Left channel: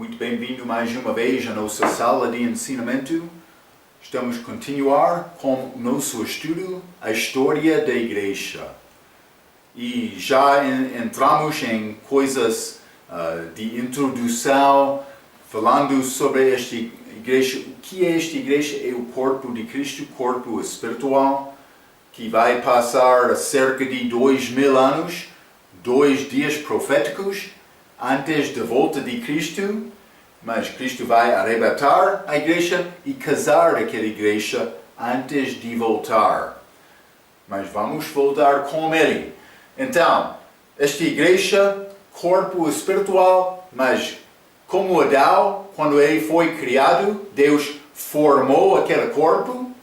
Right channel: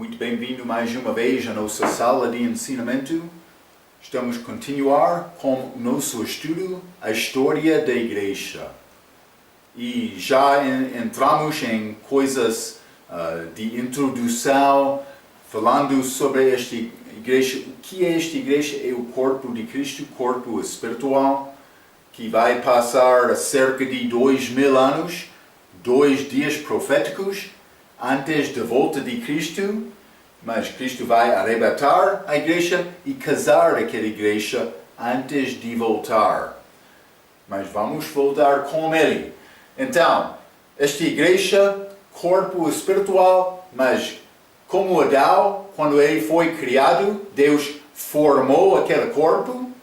Muito bem-vindo mais uma vez à nossa sala de ensinamento. Estamos a continuar com o nosso estudo, a história da igreja. E já entramos em coisas de introdução, falando sobre esta igreja. O que é esta igreja? É o corpo de Cristo, corpo espiritual, que vai passar cerca de 2000 anos, 2 dias proféticos, antes da volta de Cristo, mas Cristo vai arrebatar a igreja e casar aquela igreja antes de voltar. Mas vamos voltar com ele. Então, esta igreja, corpo espiritual, mas como Adão, quando ele foi criado, Deus formou aquele corpo,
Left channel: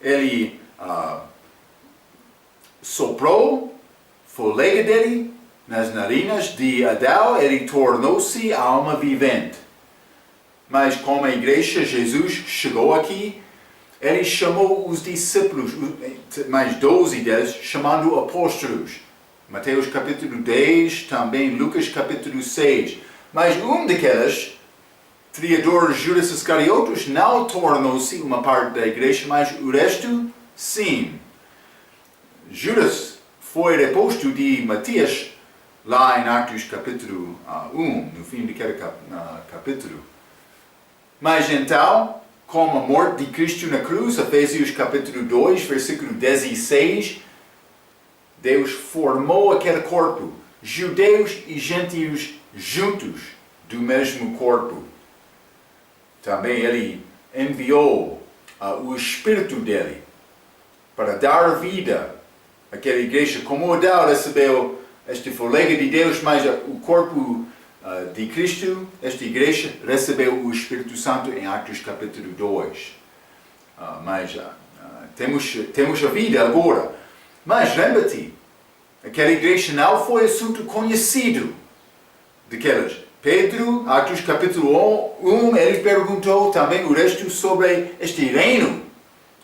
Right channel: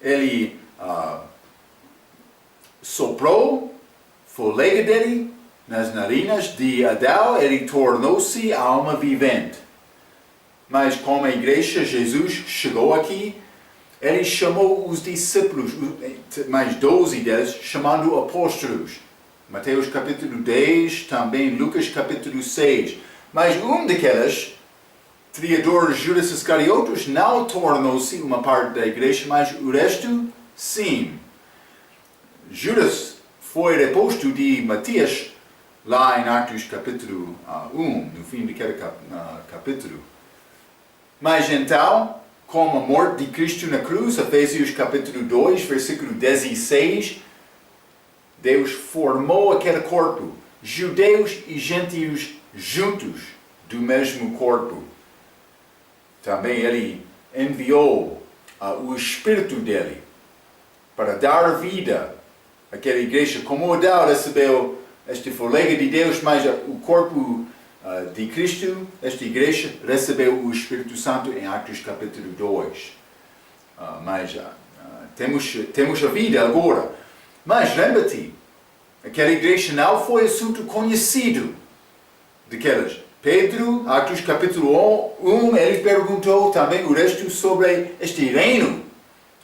ele soprou fôlego dele nas narinas de Adão, ele tornou-se alma vivente. Mas como a igreja, Jesus chegou aqui, ele chamou os discípulos, mais 12 deles, chamando apóstolos. Mateus capítulo 10, também Lucas capítulo 6. Mas um daqueles, traidor Judas Iscariotes, não tornou-se uma parte da igreja, mas o resto, sim. Judas foi deposto de Matias, lá em Atos capítulo 1, no fim daquele capítulo. Mas então, com a morte de Cristo na cruz, Efésios capítulo 2, versículo 16, Deus formou aquele corpo, judeus e gentios juntos, do mesmo corpo. Também ele enviou o Espírito dele para dar vida àquela igreja. Como Adão recebeu este fôlego de Deus, mas o corpo de Cristo, esta igreja, recebeu o Espírito Santo em Atos capítulo 2. Mas temos a vida agora. Mas lembra-te, aquela igreja não foi assunto conhecido daquelas. Pedro, Atos capítulo 1, ele perguntou também o resto sobre este reino.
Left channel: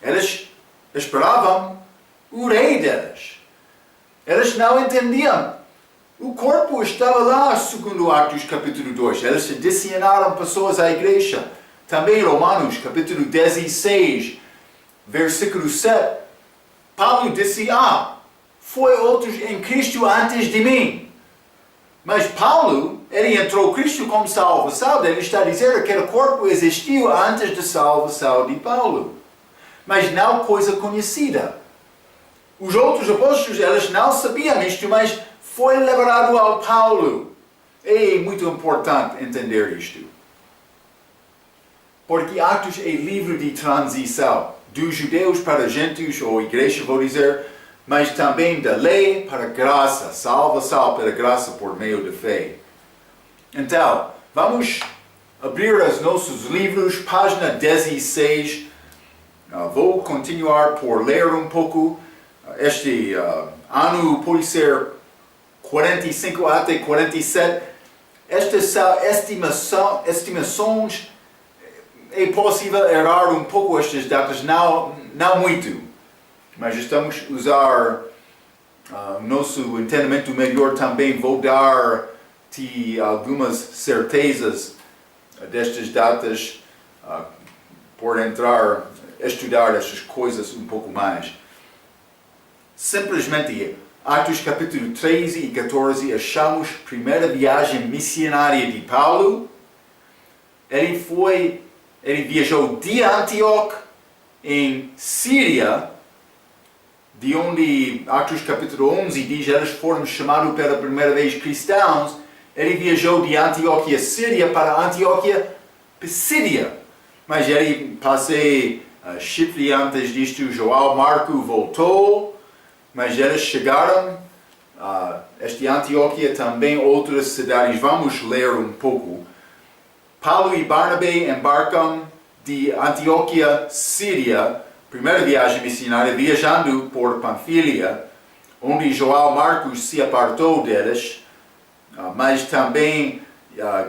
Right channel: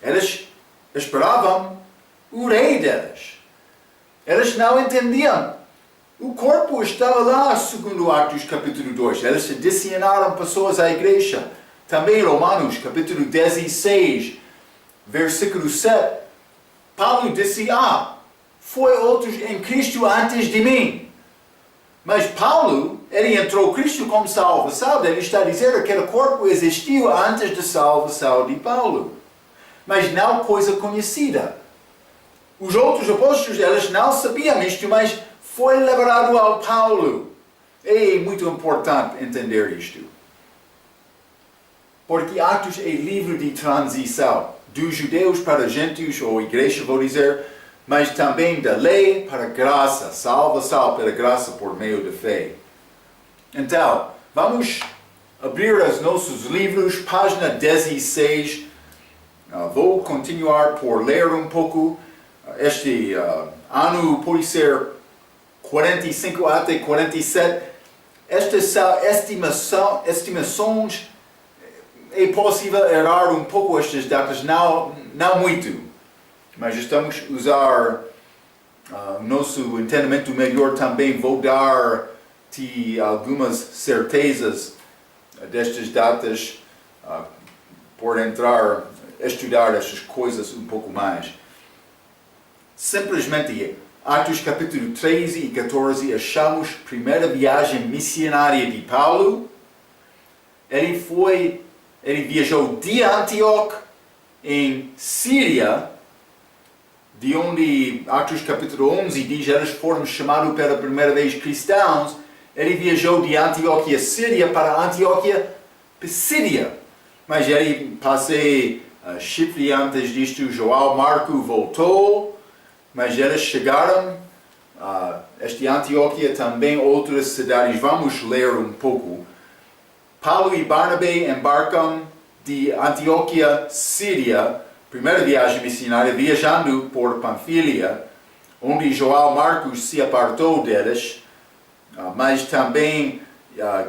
Eles esperavam o rei deles. Eles não entendiam. O corpo estava lá, segundo Atos capítulo 2. Eles adicionaram pessoas à igreja. Também Romanos capítulo 16, versículo 7. Paulo disse, foi outros em Cristo antes de mim. Mas Paulo, ele entrou Cristo como salvação. Ele está a dizer que aquele corpo existiu antes da salvação de Paulo. Mas não coisa conhecida. Os outros apóstolos, eles não sabiam isto, mas foi liberado ao Paulo. É muito importante entender isto. Porque Atos é livro de transição. Dos judeus para gentios, ou igreja, vou dizer, mas também da lei para graça, salvação pela graça por meio da fé. Então, vamos abrir os nossos livros, página 16. Vou continuar por ler um pouco. Este ano pode ser 45 até 47. Estas são estimações. É possível errar um pouco estas datas, não muito. Mas estamos a usar o nosso entendimento melhor também. Vou dar-te algumas certezas destas datas por estudar estas coisas um pouco mais. Simplesmente, Atos capítulo 13 e 14, achamos a primeira viagem missionária de Paulo. Ele viajou de Antioquia, em Síria, de onde Atos capítulo 11 diz, eles foram chamados pela primeira vez cristãos. Ele viajou de Antioquia, Síria, para Antioquia, Pisídia. Mas ele passou Chipre antes disto. João Marco voltou. Mas eles chegaram a Antioquia, também outras cidades. Vamos ler um pouco. Paulo e Barnabé embarcam de Antioquia, Síria, primeira viagem missionária, viajando por Panfilia, onde João Marcos se apartou deles, mas também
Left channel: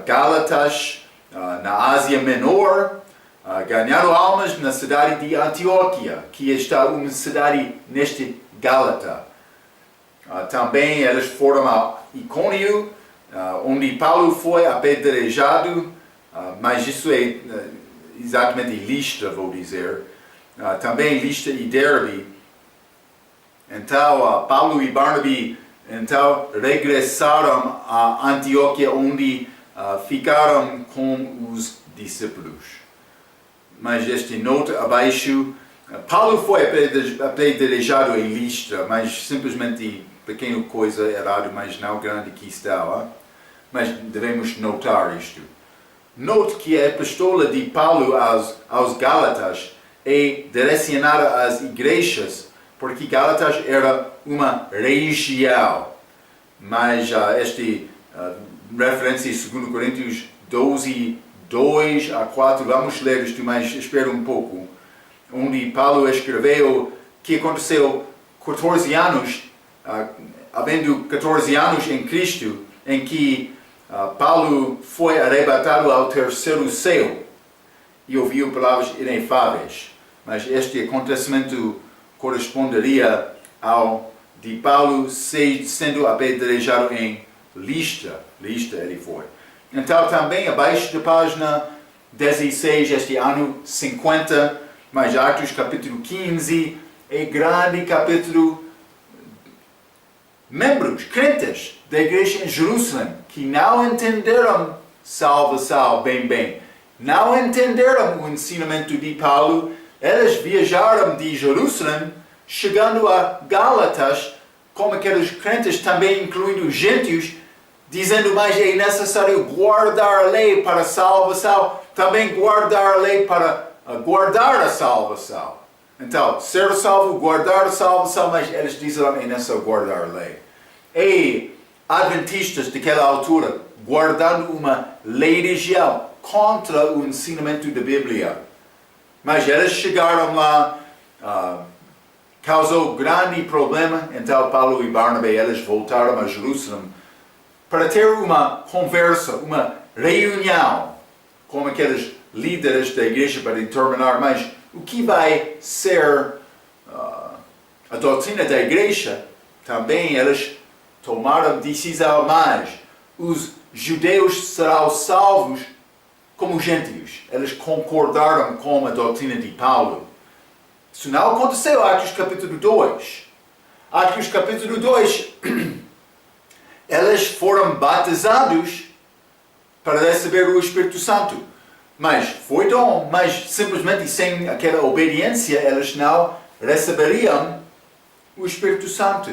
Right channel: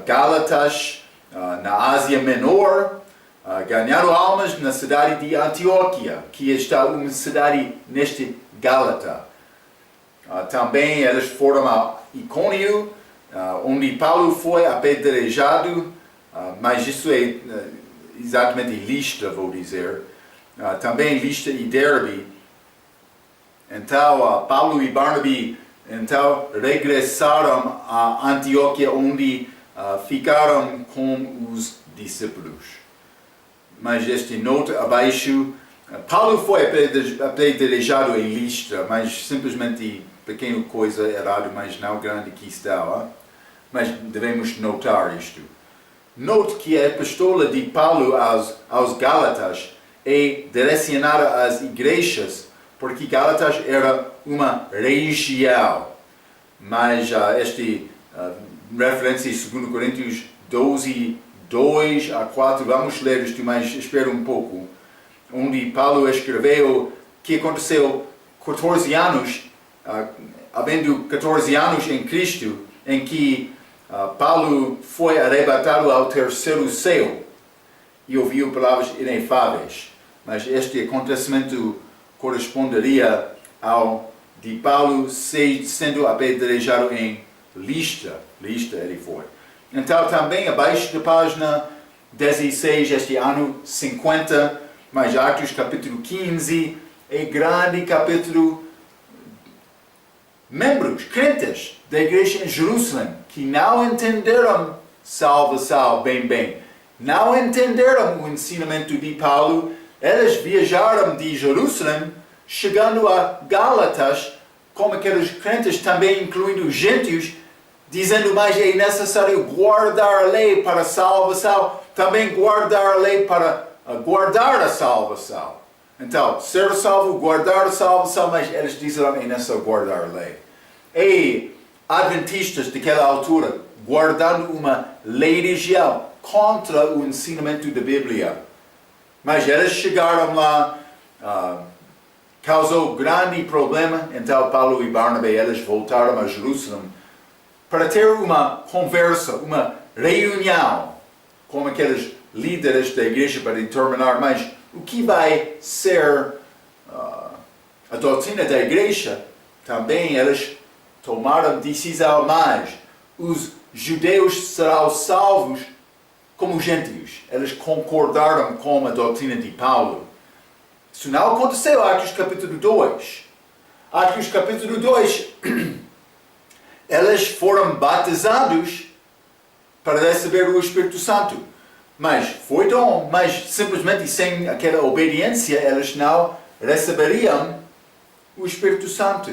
Gálatas, na Ásia Menor, ganharam almas na cidade de Antioquia, que está uma cidade neste Gálata. Também eles foram a Icônio, onde Paulo foi apedrejado, mas isso é exatamente Listra, vou dizer. Também Listra e Derbe. Então, Paulo e Barnaby então, regressaram a Antioquia, onde ficaram com os discípulos. Mas este nota abaixo, Paulo foi apedrejado em Listra, mas simplesmente pequena coisa errado, mas não grande que está. Mas devemos notar isto. Note que a epístola de Paulo aos Gálatas é direcionada às igrejas, porque Gálatas era uma região. Mas esta referência em 2 Coríntios 12, 2 a 4, vamos ler isto, mas espera um pouco. Onde Paulo escreveu que aconteceu 14 anos, havendo 14 anos em Cristo, em que Paulo foi arrebatado ao terceiro céu e ouviu palavras inefáveis. Mas este acontecimento corresponderia ao de Paulo sendo apedrejado em Listra. Listra ele foi. Então também abaixo da página 16, este ano 50, mas Atos capítulo 15, é grande capítulo. Membros, crentes da igreja em Jerusalém, que não entenderam salvação bem. Não entenderam o ensinamento de Paulo. Eles viajaram de Jerusalém, chegando a Gálatas, como aqueles crentes também incluindo os gentios, dizendo, mas é necessário guardar a lei para a salvação, também guardar a lei para guardar a salvação. Então, ser salvo, guardar a salvação, mas eles disseram, é necessário guardar a lei. E adventistas daquela altura, guardando uma lei região contra o ensinamento da Bíblia. Mas eles chegaram lá, causou grande problema, então Paulo e Barnabé, eles voltaram a Jerusalém para ter uma conversa, uma reunião com aqueles líderes da igreja para determinar, mas o que vai ser a doutrina da igreja? Também eles tomaram decisão, mas os judeus serão salvos como gentios. Eles concordaram com a doutrina de Paulo. Isso não aconteceu em Atos capítulo 2. Atos capítulo 2, eles foram batizados para receber o Espírito Santo. Mas foi dom, mas simplesmente sem aquela obediência, eles não receberiam o Espírito Santo.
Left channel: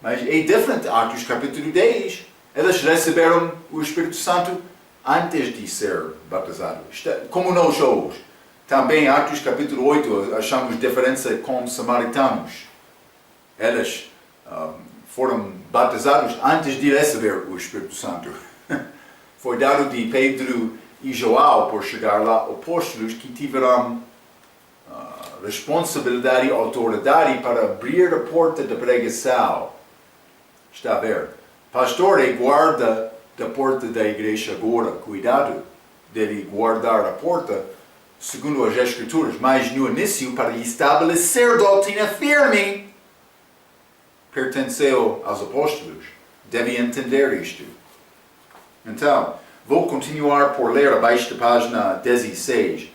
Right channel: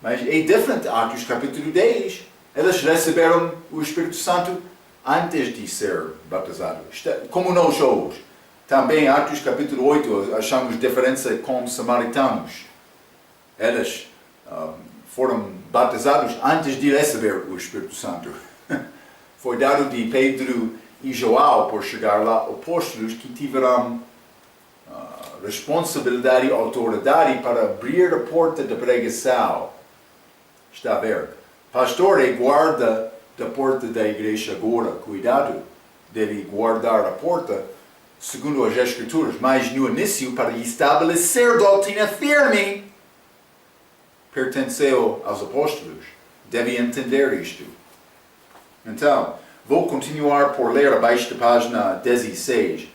Mas é diferente, Atos capítulo 10, eles receberam o Espírito Santo antes de ser batizados. Como nós hoje. Também Atos capítulo 8, achamos diferença com os samaritanos. Eles foram batizados antes de receber o Espírito Santo. Foi dado de Pedro e João, por chegar lá, apóstolos que tiveram responsabilidade e autoridade para abrir a porta da pregação. Está a ver? Pastor é guarda da porta da igreja agora. Cuidado dele guardar a porta segundo as Escrituras. Mas no início, para estabelecer doutrina firme, pertenceu aos apóstolos. Deve entender isto. Então, vou continuar por ler abaixo da página 16.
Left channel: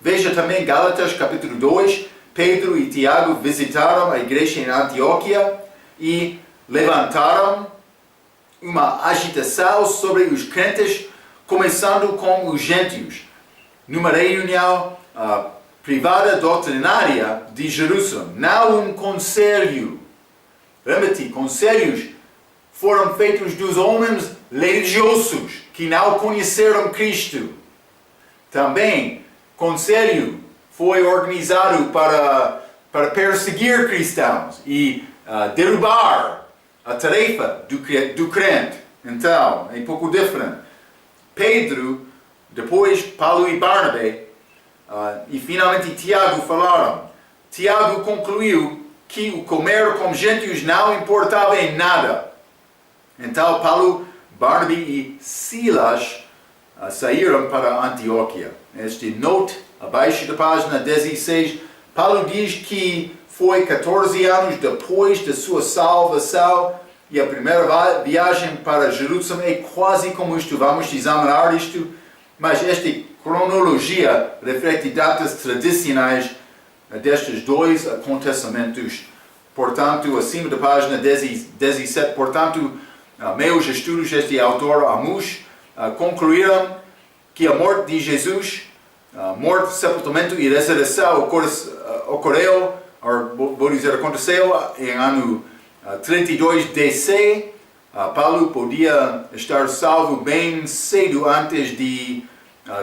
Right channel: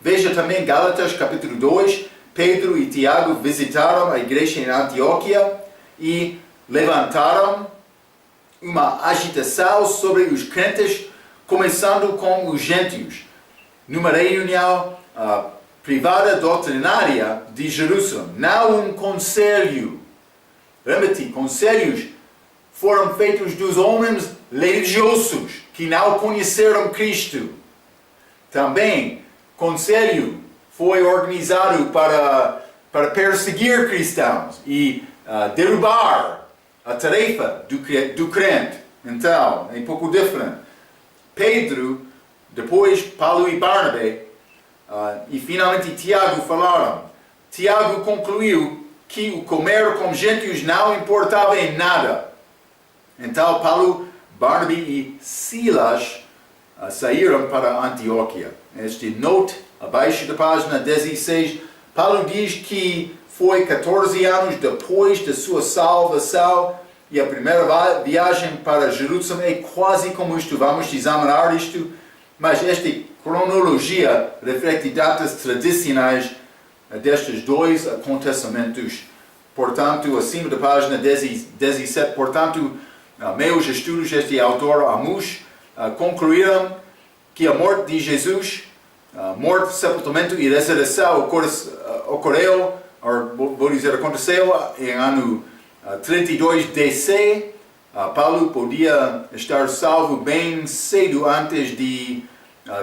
Veja também Gálatas capítulo 2. Pedro e Tiago visitaram a igreja em Antioquia e levantaram uma agitação sobre os crentes, começando com os gentios, numa reunião privada doutrinária de Jerusalém. Não um conselho. Lembra-te, conselhos foram feitos dos homens religiosos que não conheceram Cristo. Também, conselho foi organizado para perseguir cristãos e derrubar a tarefa do crente. Então, é um pouco diferente. Pedro, depois Paulo e Barnabé, e finalmente Tiago falaram. Tiago concluiu que o comer com gentios não importava em nada. Então, Paulo, Barnabé e Silas saíram para Antioquia. Este note, abaixo da página 16, Paulo diz que foi 14 anos depois da sua salvação e a primeira viagem para Jerusalém é quase como isto. Vamos examinar isto, mas esta cronologia reflete datas tradicionais destes dois acontecimentos. Portanto, acima da página 17, portanto, meus estudos deste autor Amos concluíram que a morte de Jesus, morte, sepultamento e ressurreição ocorreu, vou dizer, aconteceu em ano 32 DC. Paulo podia estar salvo bem cedo antes de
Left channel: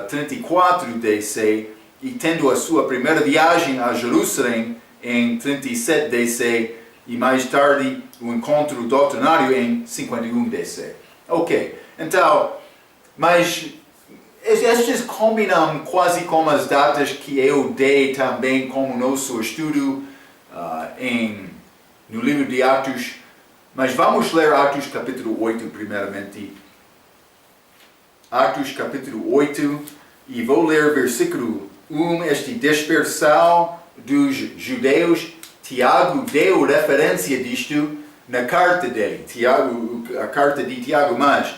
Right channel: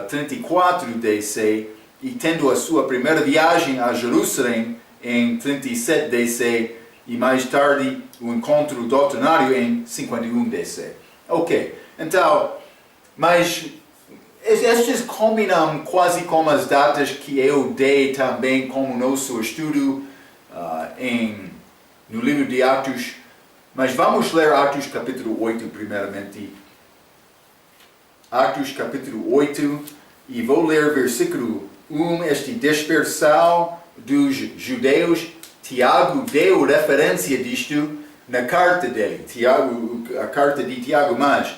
34 DC e tendo a sua primeira viagem a Jerusalém em 37 DC e mais tarde o encontro doutrinário em 51 DC. Ok, então, mas estes combinam quase com as datas que eu dei também como nosso estudo no livro de Atos. Mas vamos ler Atos capítulo 8 primeiramente. Atos capítulo 8 e vou ler versículo 1, esta dispersão dos judeus. Tiago deu referência disto na carta dele, a carta de Tiago, mas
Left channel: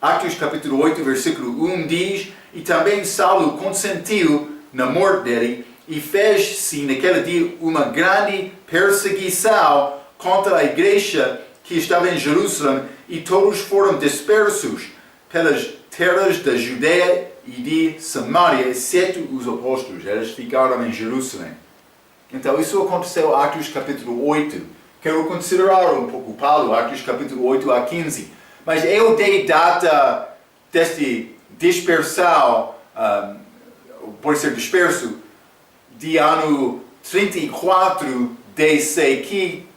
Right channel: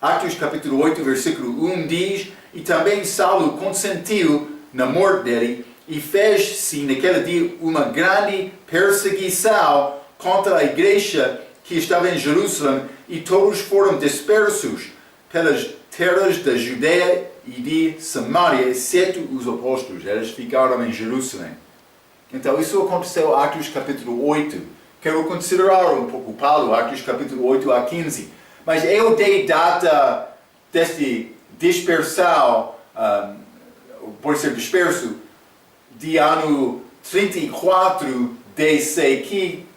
Atos capítulo 8, versículo 1 diz: e também Saulo consentiu na morte dele e fez-se naquele dia uma grande perseguição contra a igreja que estava em Jerusalém e todos foram dispersos pelas terras da Judeia e de Samaria, exceto os apóstolos. Eles ficaram em Jerusalém. Então isso aconteceu em Atos capítulo 8. Quero considerar um pouco Paulo, Atos capítulo 8 a 15. Mas eu dei data deste dispersão, pode ser disperso, de ano 34 DC, que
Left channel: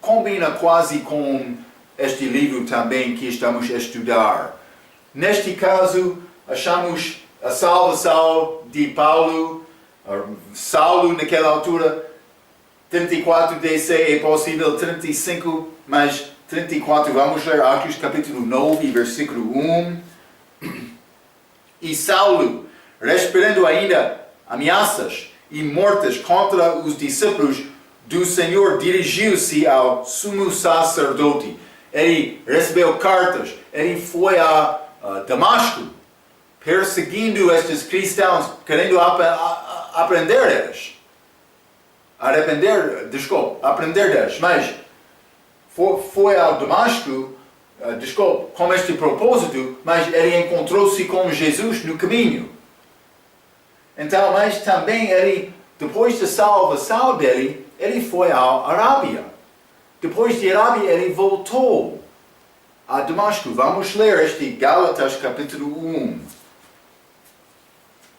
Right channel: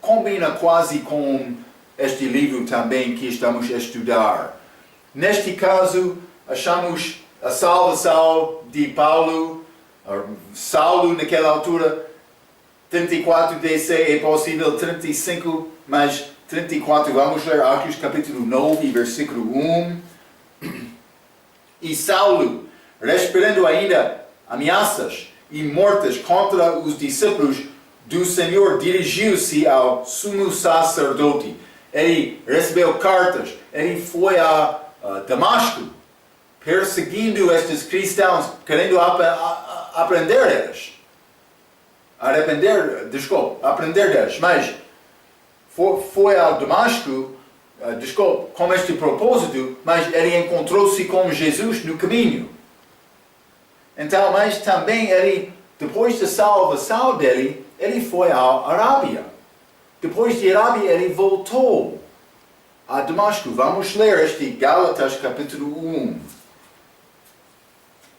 combina quase com este livro também que estamos a estudar. Neste caso, achamos a salvação de Paulo, Saulo naquela altura, 34 DC é possível, 35, mas 34, vamos ler Atos capítulo 9, versículo 1. E Saulo, respirando ainda ameaças e mortes contra os discípulos do Senhor, dirigiu-se ao sumo sacerdote. Ele recebeu cartas, ele foi a Damasco, perseguindo estes cristãos, querendo aprender deles. Aprender deles, mas foi a Damasco, com este propósito, mas ele encontrou-se com Jesus no caminho. Então, mas também ele, depois da salvação dele, ele foi à Arábia. Depois de Arábia, ele voltou a Damasco. Vamos ler este Gálatas capítulo 1.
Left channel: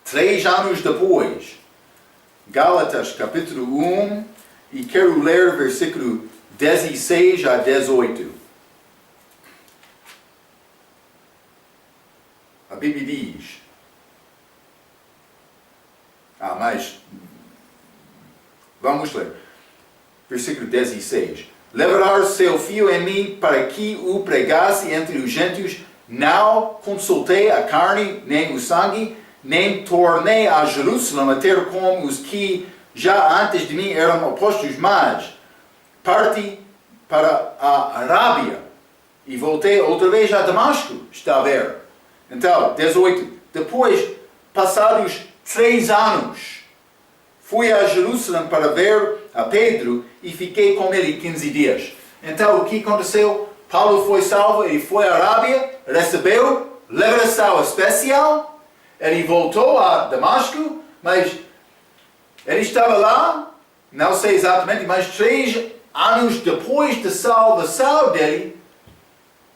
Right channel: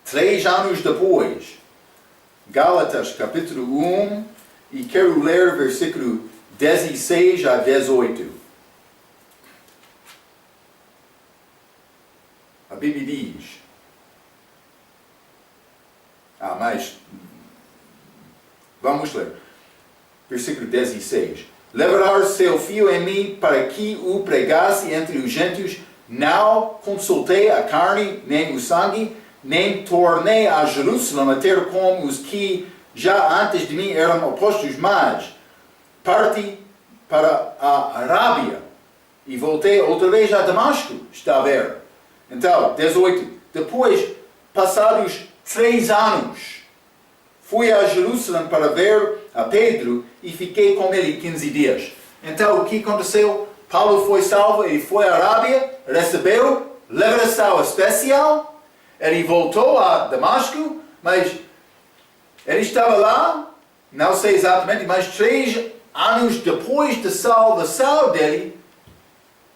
3 anos depois, Gálatas capítulo 1, e quero ler versículo 16 a 18. A Bíblia diz, mas vamos ler. Versículo 16. Levará seu filho em mim para que o pregasse entre os gentios. Não consultei a carne nem o sangue, nem tornei a Jerusalém a ter como os que já antes de mim eram apóstolos, mas parti para a Arábia e voltei outra vez a Damasco. Está a ver? Então, 18. Depois, passados 3 anos, fui a Jerusalém para ver a Pedro e fiquei com ele 15 dias. Então, o que aconteceu? Paulo foi salvo, ele foi à Arábia, recebeu liberação especial, ele voltou a Damasco, mas ele estava lá, não sei exatamente, mas 3 anos depois da salvação dele,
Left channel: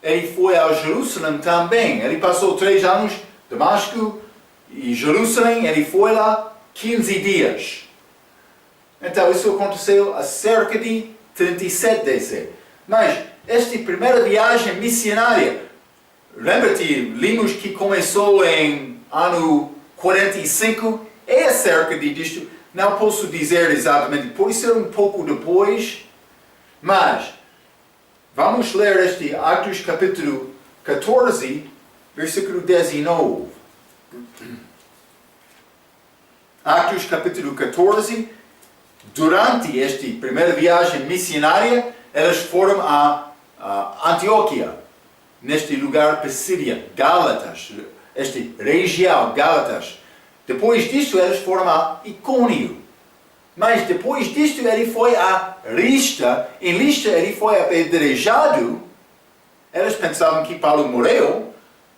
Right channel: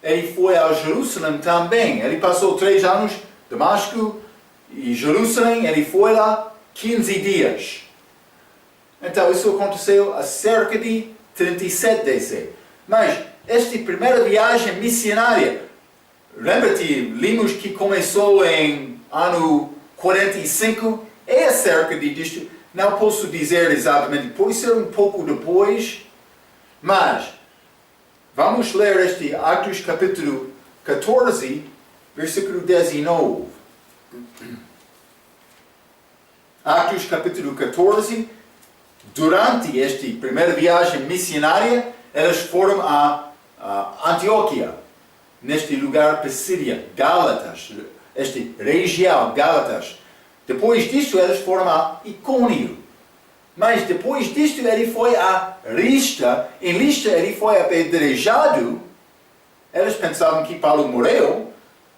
ele foi a Jerusalém também. Ele passou 3 anos, Damasco e Jerusalém, ele foi lá 15 dias. Então isso aconteceu há cerca de 37 DC. Mas esta primeira viagem missionária, lembra-te, limos que começou em ano 45, é acerca disto. Não posso dizer exatamente, pode ser um pouco depois, mas vamos ler este Atos capítulo 14, versículo 19. Atos capítulo 14, durante esta primeira viagem missionária, eles foram a Antioquia, neste lugar Pisídia, Gálatas, este região, Gálatas. Depois disso, eles foram a Icônio. Mas depois disso, ele foi a Listra. Em Listra, ele foi apedrejado. Eles pensavam que Paulo morreu.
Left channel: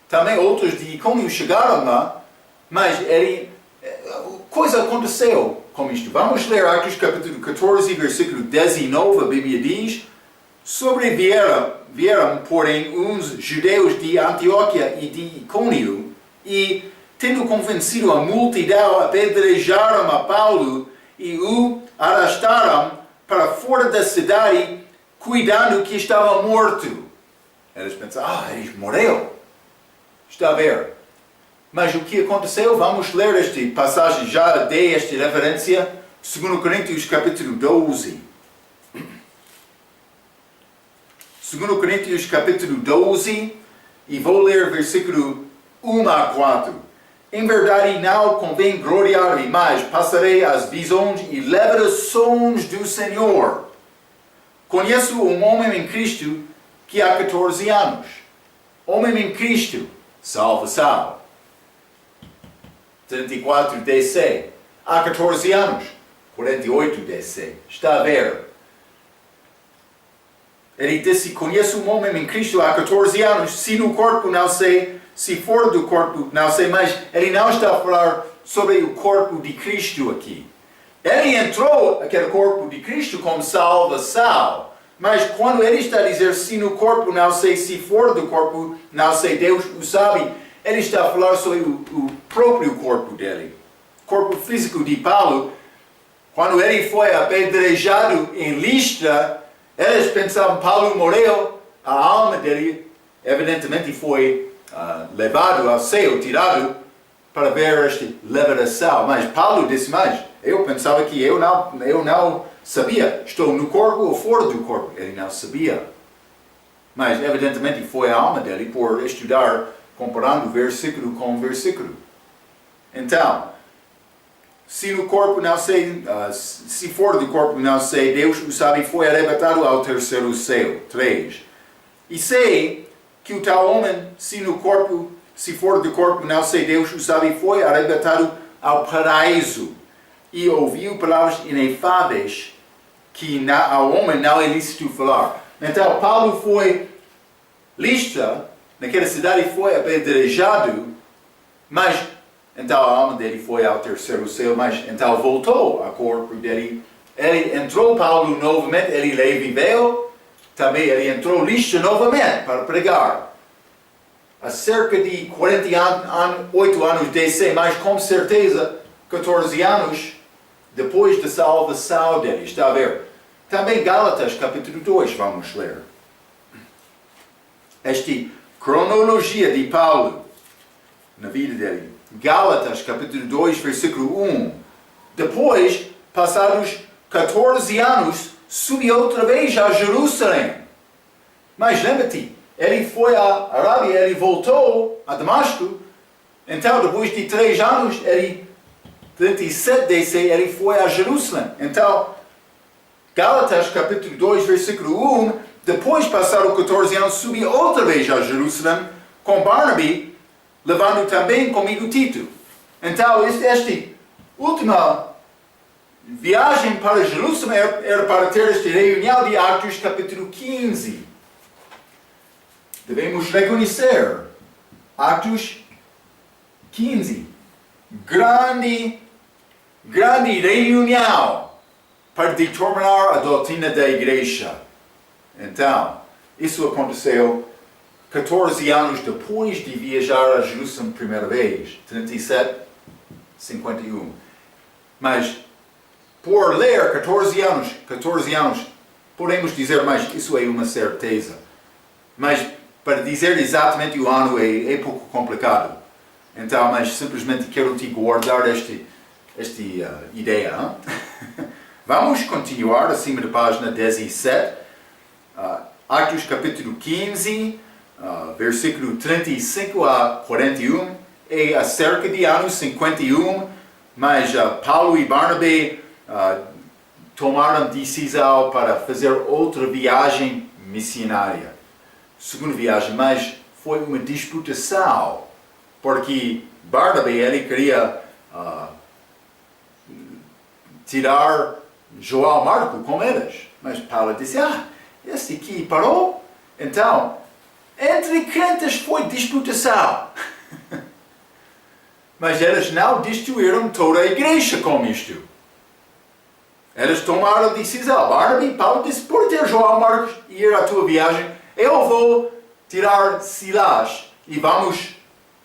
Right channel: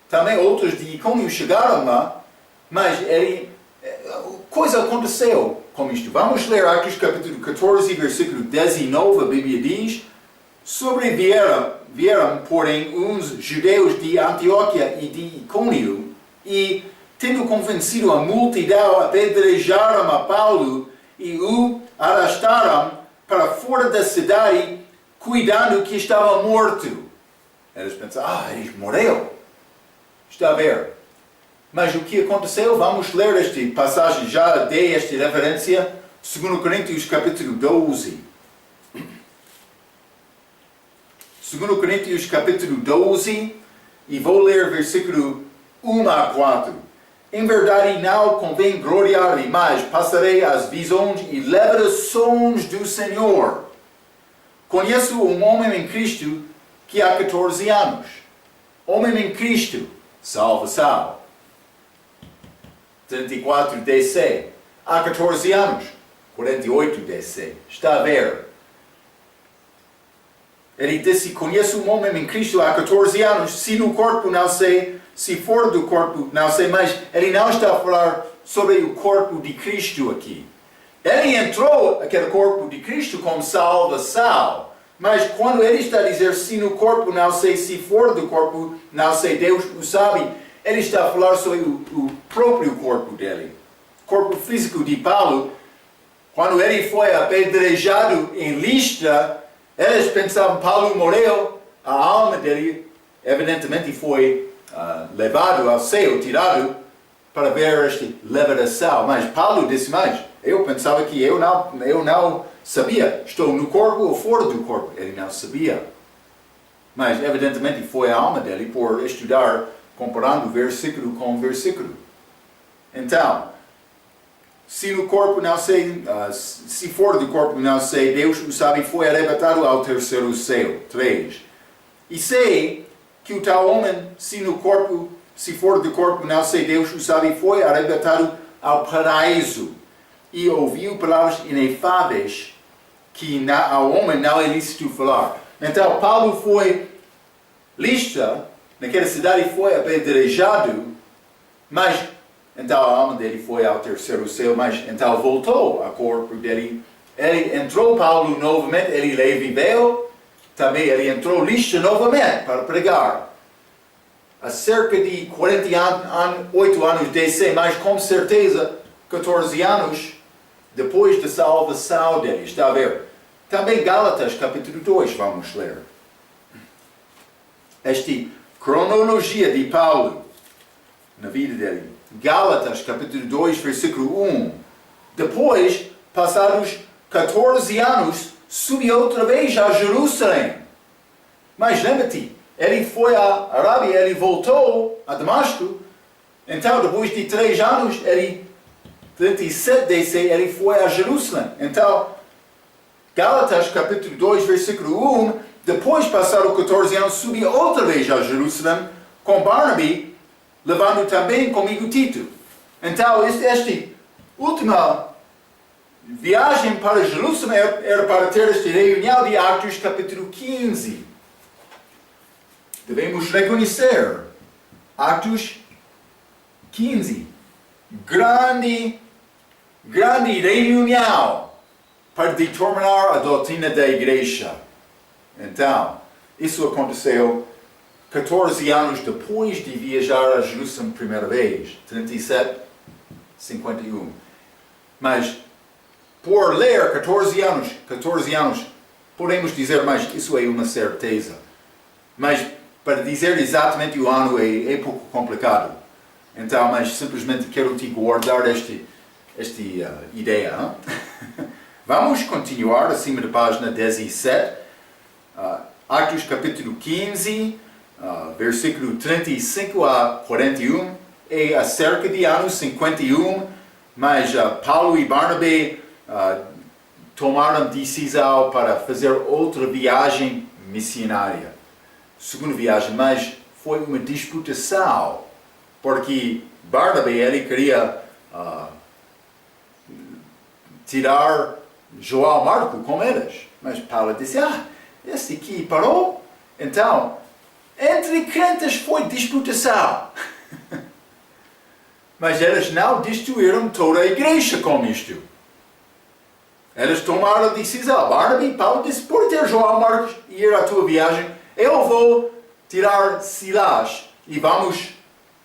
Também outros de Icônio chegaram lá. Mas coisa aconteceu com isto. Vamos ler Atos capítulo 14, versículo 19. A Bíblia diz: Sobrevieram, porém, uns judeus de Antioquia e de Icônio, e, tendo convencido a multidão, apedrejaram a Paulo e o arrastaram para fora da cidade, cuidando que estava morto. Eles pensaram, ele morreu. Está a ver. Mas o que aconteceu? Vamos ler esta passagem, já dei esta referência, 2 Coríntios capítulo 12. 2 Coríntios capítulo 12, e vou ler versículo 1 a 4. Em verdade não convém gloriar-me, mas passarei as visões e revelações do Senhor. Conheço um homem em Cristo que há 14 anos. Homem em Cristo, salvação. 34 DC. Há 14 anos. 48 DC. Está a ver? Ele disse, conheço um homem em Cristo há 14 anos, se no corpo não sei, se fora do corpo não sei, mas ele não está a falar sobre o corpo de Cristo aqui. Ele entrou aquele corpo de Cristo como salvação, mas quando ele está a dizer, se no corpo não sei, se fora do corpo não sei, Deus o sabe, ele está a falar sobre o próprio corpo dele. O corpo físico de Paulo, quando ele foi apedrejado em Listra, eles pensavam que Paulo morreu, a alma dele evidentemente foi levado ao céu, tirado para ver esta liberação. Mas Paulo disse mais, eu pensava que eu não sabia, estou no corpo ou fora do corpo. Ele não sabia. Mas evidentemente foi a alma dele por estudar, comparando versículo com versículo. Então, se no corpo não sei, se fora do corpo não sei, Deus o sabe, foi arrebatado ao terceiro céu. 3. E sei que o tal homem, se no corpo, se fora do corpo não sei, Deus o sabe, foi arrebatado ao paraíso. E ouviu palavras inefáveis que ao homem não é lícito falar. Então Paulo foi Listra, naquela cidade foi apedrejado, mas então a alma dele foi ao terceiro céu, mas então voltou ao corpo dele. Ele entrou, Paulo, novamente, ele viveu, também ele entrou Listra novamente para pregar. Há cerca de 48 anos DC, mas com certeza 14 anos depois da salvação dele. Está a ver? Também Gálatas capítulo 2, vamos ler. Esta cronologia de Paulo na vida dele. Gálatas, capítulo 2, versículo 1. Depois, passados 14 anos, subiu outra vez a Jerusalém. Mas lembra-te, ele foi à Arábia, ele voltou a Damasco. Então, depois de 3 anos, 37 DC, ele foi a Jerusalém. Então, Gálatas, capítulo 2, versículo 1. Depois, passados 14 anos, subiu outra vez a Jerusalém com Barnaby, levando também comigo Tito. Então, esta última viagem para Jerusalém era para ter esta reunião de Atos capítulo 15. Devemos reconhecer Atos 15. Grande reunião para determinar a doutrina da igreja. Então, isso aconteceu 14 anos depois de viajar a Jerusalém primeira vez, 37, 51. Mas, por ler 14 anos, podemos dizer, mas isso é uma certeza. Mas, para dizer exatamente o ano é pouco complicado. Então, mas simplesmente quero te guardar esta ideia. Vamos continuar acima da página 17. Atos capítulo 15, versículo 35 a 41, é acerca de anos 51, mas Paulo e Barnabé tomaram decisão para fazer outra viagem missionária. Segunda viagem, mas foi uma disputação, porque Barnabé ele queria tirar João Marco com eles, mas Paulo disse, este aqui parou, então, entre crentes foi disputação. Mas eles não destruíram toda a igreja com isto. Eles tomaram a decisão. Barnabé e Paulo disse, por ter João Marcos ir à tua viagem, eu vou tirar Silas e vamos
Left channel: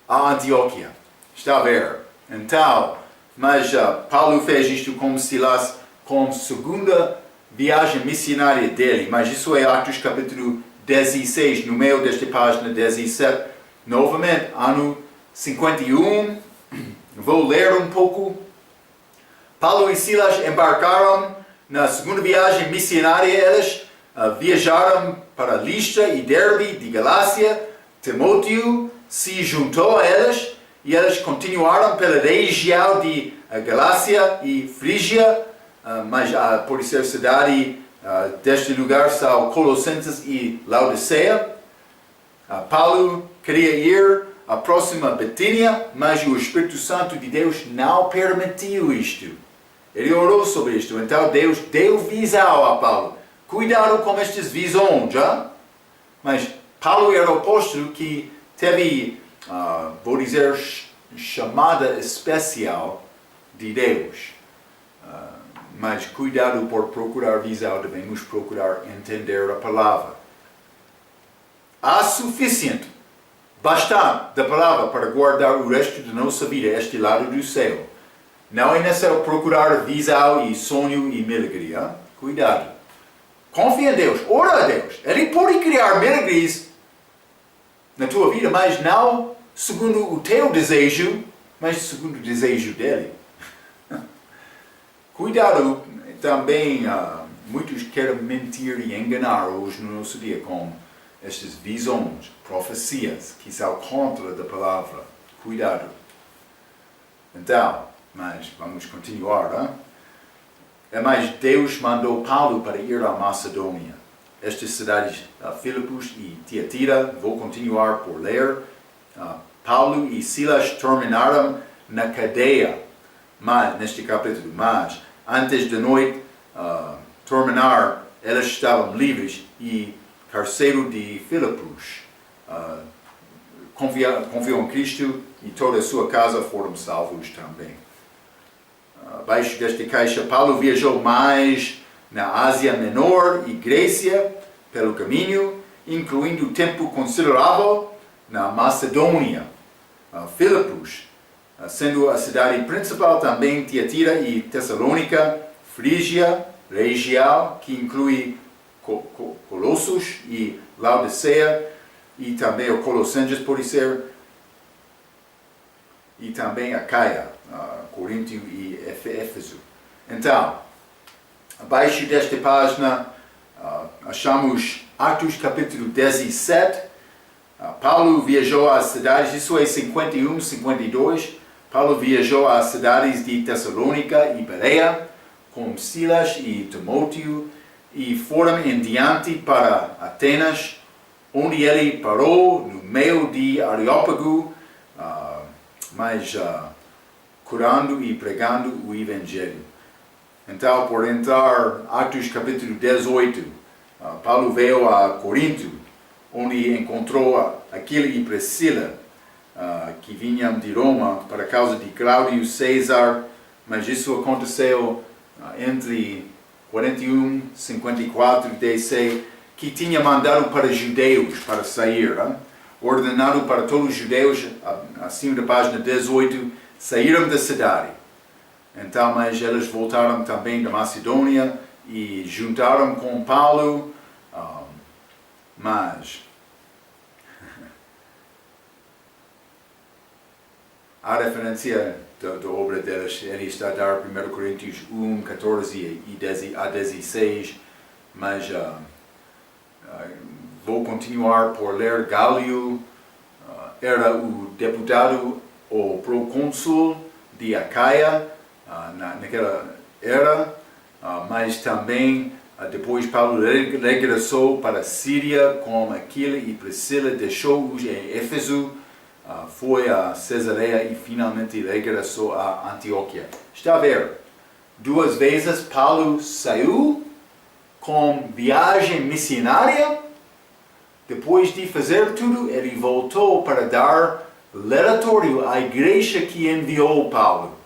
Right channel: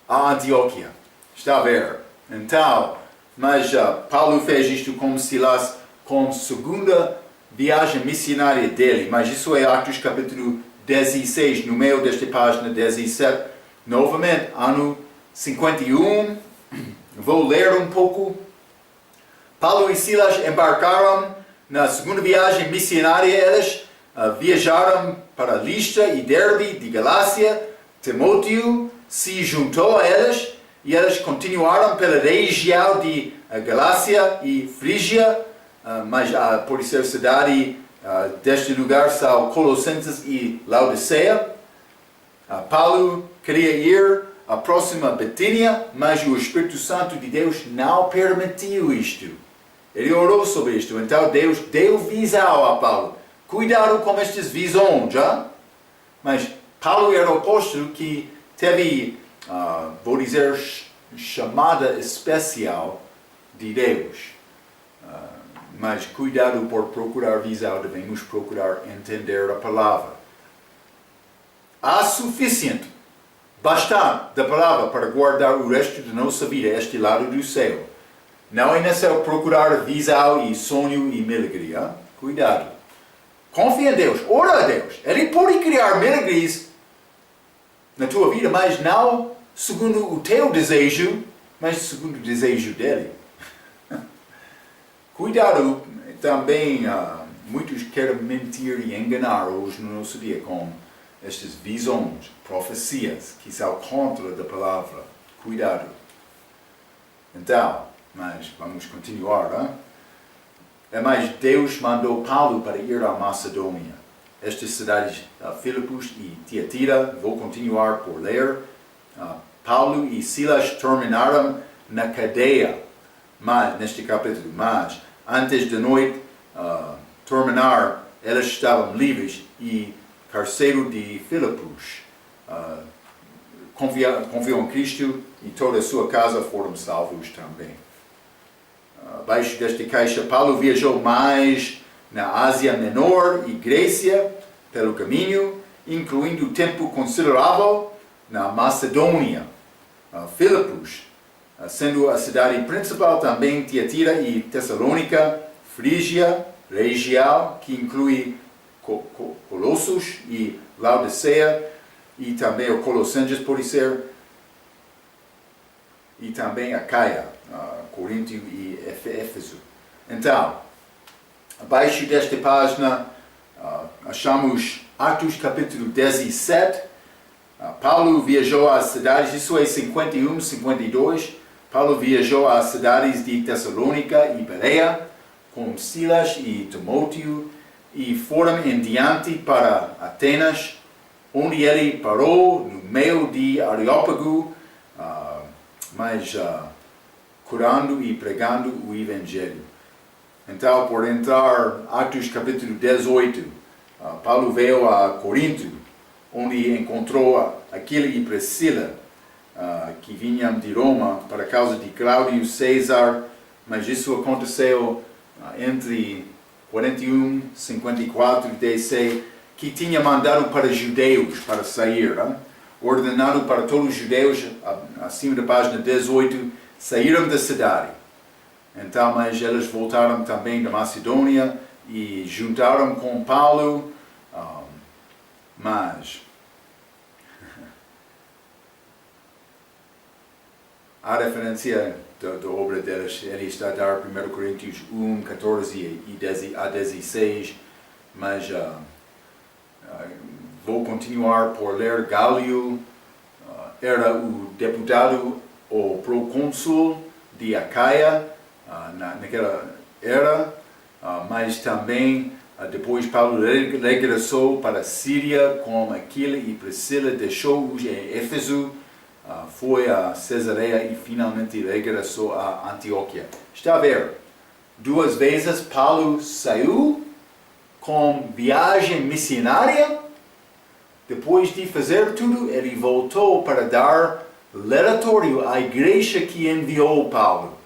a Antioquia. Está a ver? Então, mas Paulo fez isto com Silas com a segunda viagem missionária dele. Mas isso é Atos capítulo 16, no meio desta página 17. Novamente, ano 51. Vou ler um pouco. Paulo e Silas embarcaram na segunda viagem missionária. Eles viajaram para Listra e Derbe de Galácia. Timóteo se juntou a eles e eles continuaram pela região de Galácia e Frígia, mas por ser cidade deste lugar são Colossenses e Laodiceia. Paulo queria ir à próxima Betínia, mas o Espírito Santo de Deus não permitiu isto. Ele orou sobre isto, então Deus deu visão a Paulo. Cuidado com estas visões, já? Mas Paulo era o apóstolo que teve, vou dizer, chamada especial de Deus. Mas cuidado por procurar visão, devemos procurar entender a palavra. Há suficiente, bastante da palavra para guardar o resto da nossa vida, este lado do céu. Não é necessário procurar visão e sonho e milagre. Cuidado. Confia em Deus, ora a Deus. Ele pode criar milagres na tua vida, mas não segundo o teu desejo, mas segundo o desejo dele. Cuidado também, muitos querem mentir e enganar hoje no nosso dia com estas visões, profecias que são contra da palavra. Cuidado. Então, mas vamos continuar. Mas Deus mandou Paulo para ir à Macedônia. Estas cidades, Filipos e Tiatira, vou continuar por ler. Paulo e Silas terminaram na cadeia, mas neste capítulo, mas antes da noite terminar, eles estavam livres e carcereiro de Filipos confiou em Cristo e toda a sua casa foram salvos também. Abaixo desta caixa, Paulo viajou mais na Ásia Menor e Grécia pelo caminho, incluindo tempo considerável na Macedônia. Filipos, sendo a cidade principal, também Tiatira e Tessalônica, Frígia, região que inclui Colossos e Laodiceia, e também o Colossenses, pode ser, e também Acaia, Corinto e Éfeso. Então, abaixo desta página, achamos Atos capítulo 17. Paulo viajou às cidades, isso é 51, 52. Paulo viajou às cidades de Tessalônica e Bereia, com Silas e Timóteo, e foram em diante para Atenas, onde ele parou no meio de Areópago, curando e pregando o Evangelho. Então, por entrar, Atos capítulo 18, Paulo veio a Corinto, onde encontrou Aquila e Priscila, que vinham de Roma para causa de Cláudio César, mas isso aconteceu entre 41 e 54 DC, que tinha mandado para judeus para sair, ordenado para todos os judeus, acima da página 18, saíram da cidade. Então, mas eles voltaram também da Macedônia e juntaram com Paulo, mas a referência da obra deles, ele está a dar 1 Coríntios 1, 14 a 16, mas vou continuar por ler. Gálio era o deputado ou procônsul de Acaia naquela era, mas também Depois Paulo regressou para a Síria com Aquila e Priscila, deixou-os em Éfeso, foi a Cesareia e finalmente regressou a Antioquia. Está a ver? 2 vezes Paulo saiu com viagem missionária. Depois de fazer tudo, ele voltou para dar relatório à igreja que enviou Paulo.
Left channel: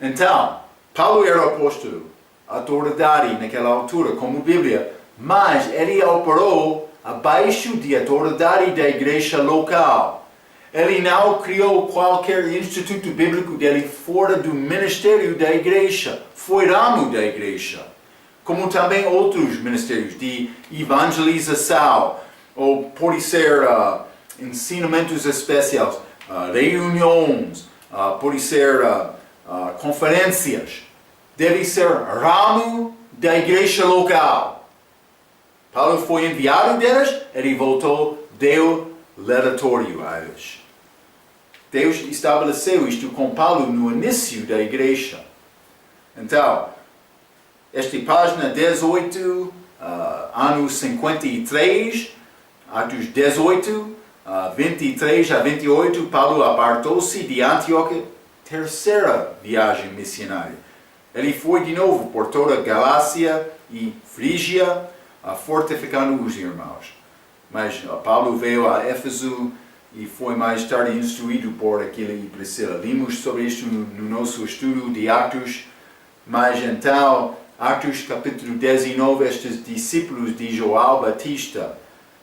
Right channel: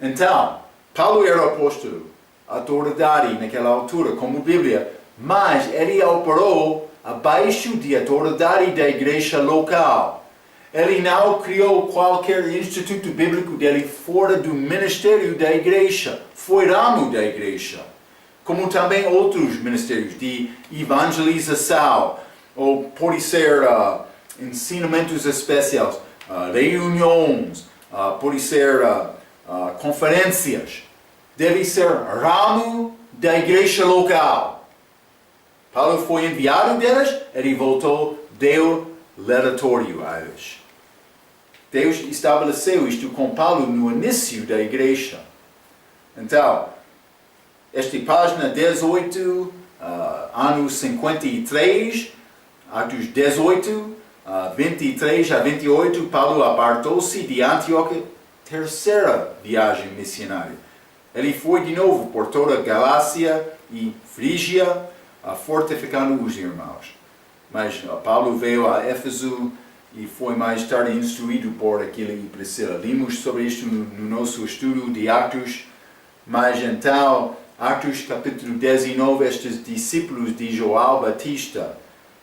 Então, Paulo era apóstolo, autoridade naquela altura, como Bíblia, mas ele operou abaixo de autoridade da igreja local. Ele não criou qualquer instituto bíblico dele fora do ministério da igreja, foi ramo da igreja, como também outros ministérios de evangelização, ou pode ser ensinamentos especiais, reuniões, pode ser conferências. Deve ser ramo da igreja local. Paulo foi enviado delas, ele voltou, deu relatório a eles. Deus estabeleceu isto com Paulo no início da igreja. Então, esta página 18, ano 53, Atos 18, 23 a 28, Paulo apartou-se de Antioquia, terceira viagem missionária. Ele foi de novo por toda a Galácia e Frígia, fortificando os irmãos. Mas Paulo veio a Éfeso e foi mais tarde instruído por Aquila e Priscila. Limos sobre isto no nosso estudo de Atos. Mas então, Atos capítulo 19, estes discípulos de João Batista.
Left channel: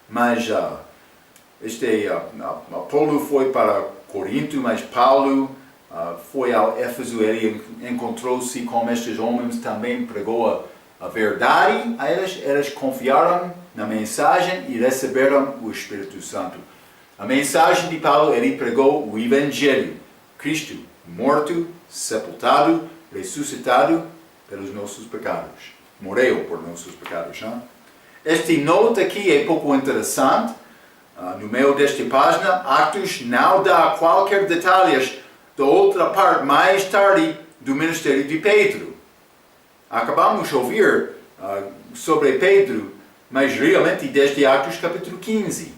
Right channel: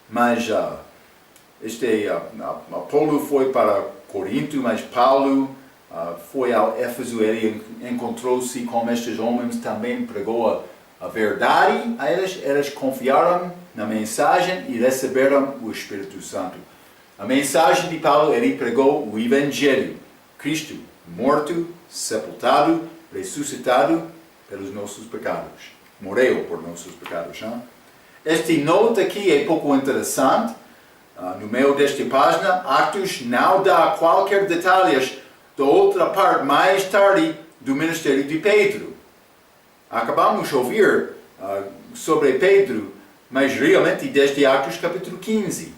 Mas Apolo foi para Corinto, mas Paulo foi ao Éfeso. Ele encontrou-se com estes homens, também pregou a verdade a eles. Eles confiaram na mensagem e receberam o Espírito Santo. A mensagem de Paulo, ele pregou o Evangelho. Cristo morto, sepultado, ressuscitado pelos nossos pecados. Morreu por nossos pecados. Não? Este nota aqui é pouco interessante. No meio desta página, Atos não dá qualquer detalhes da outra parte mais tarde do ministério de Pedro. Acabamos de ouvir sobre Pedro, mas realmente desde Atos capítulo 15.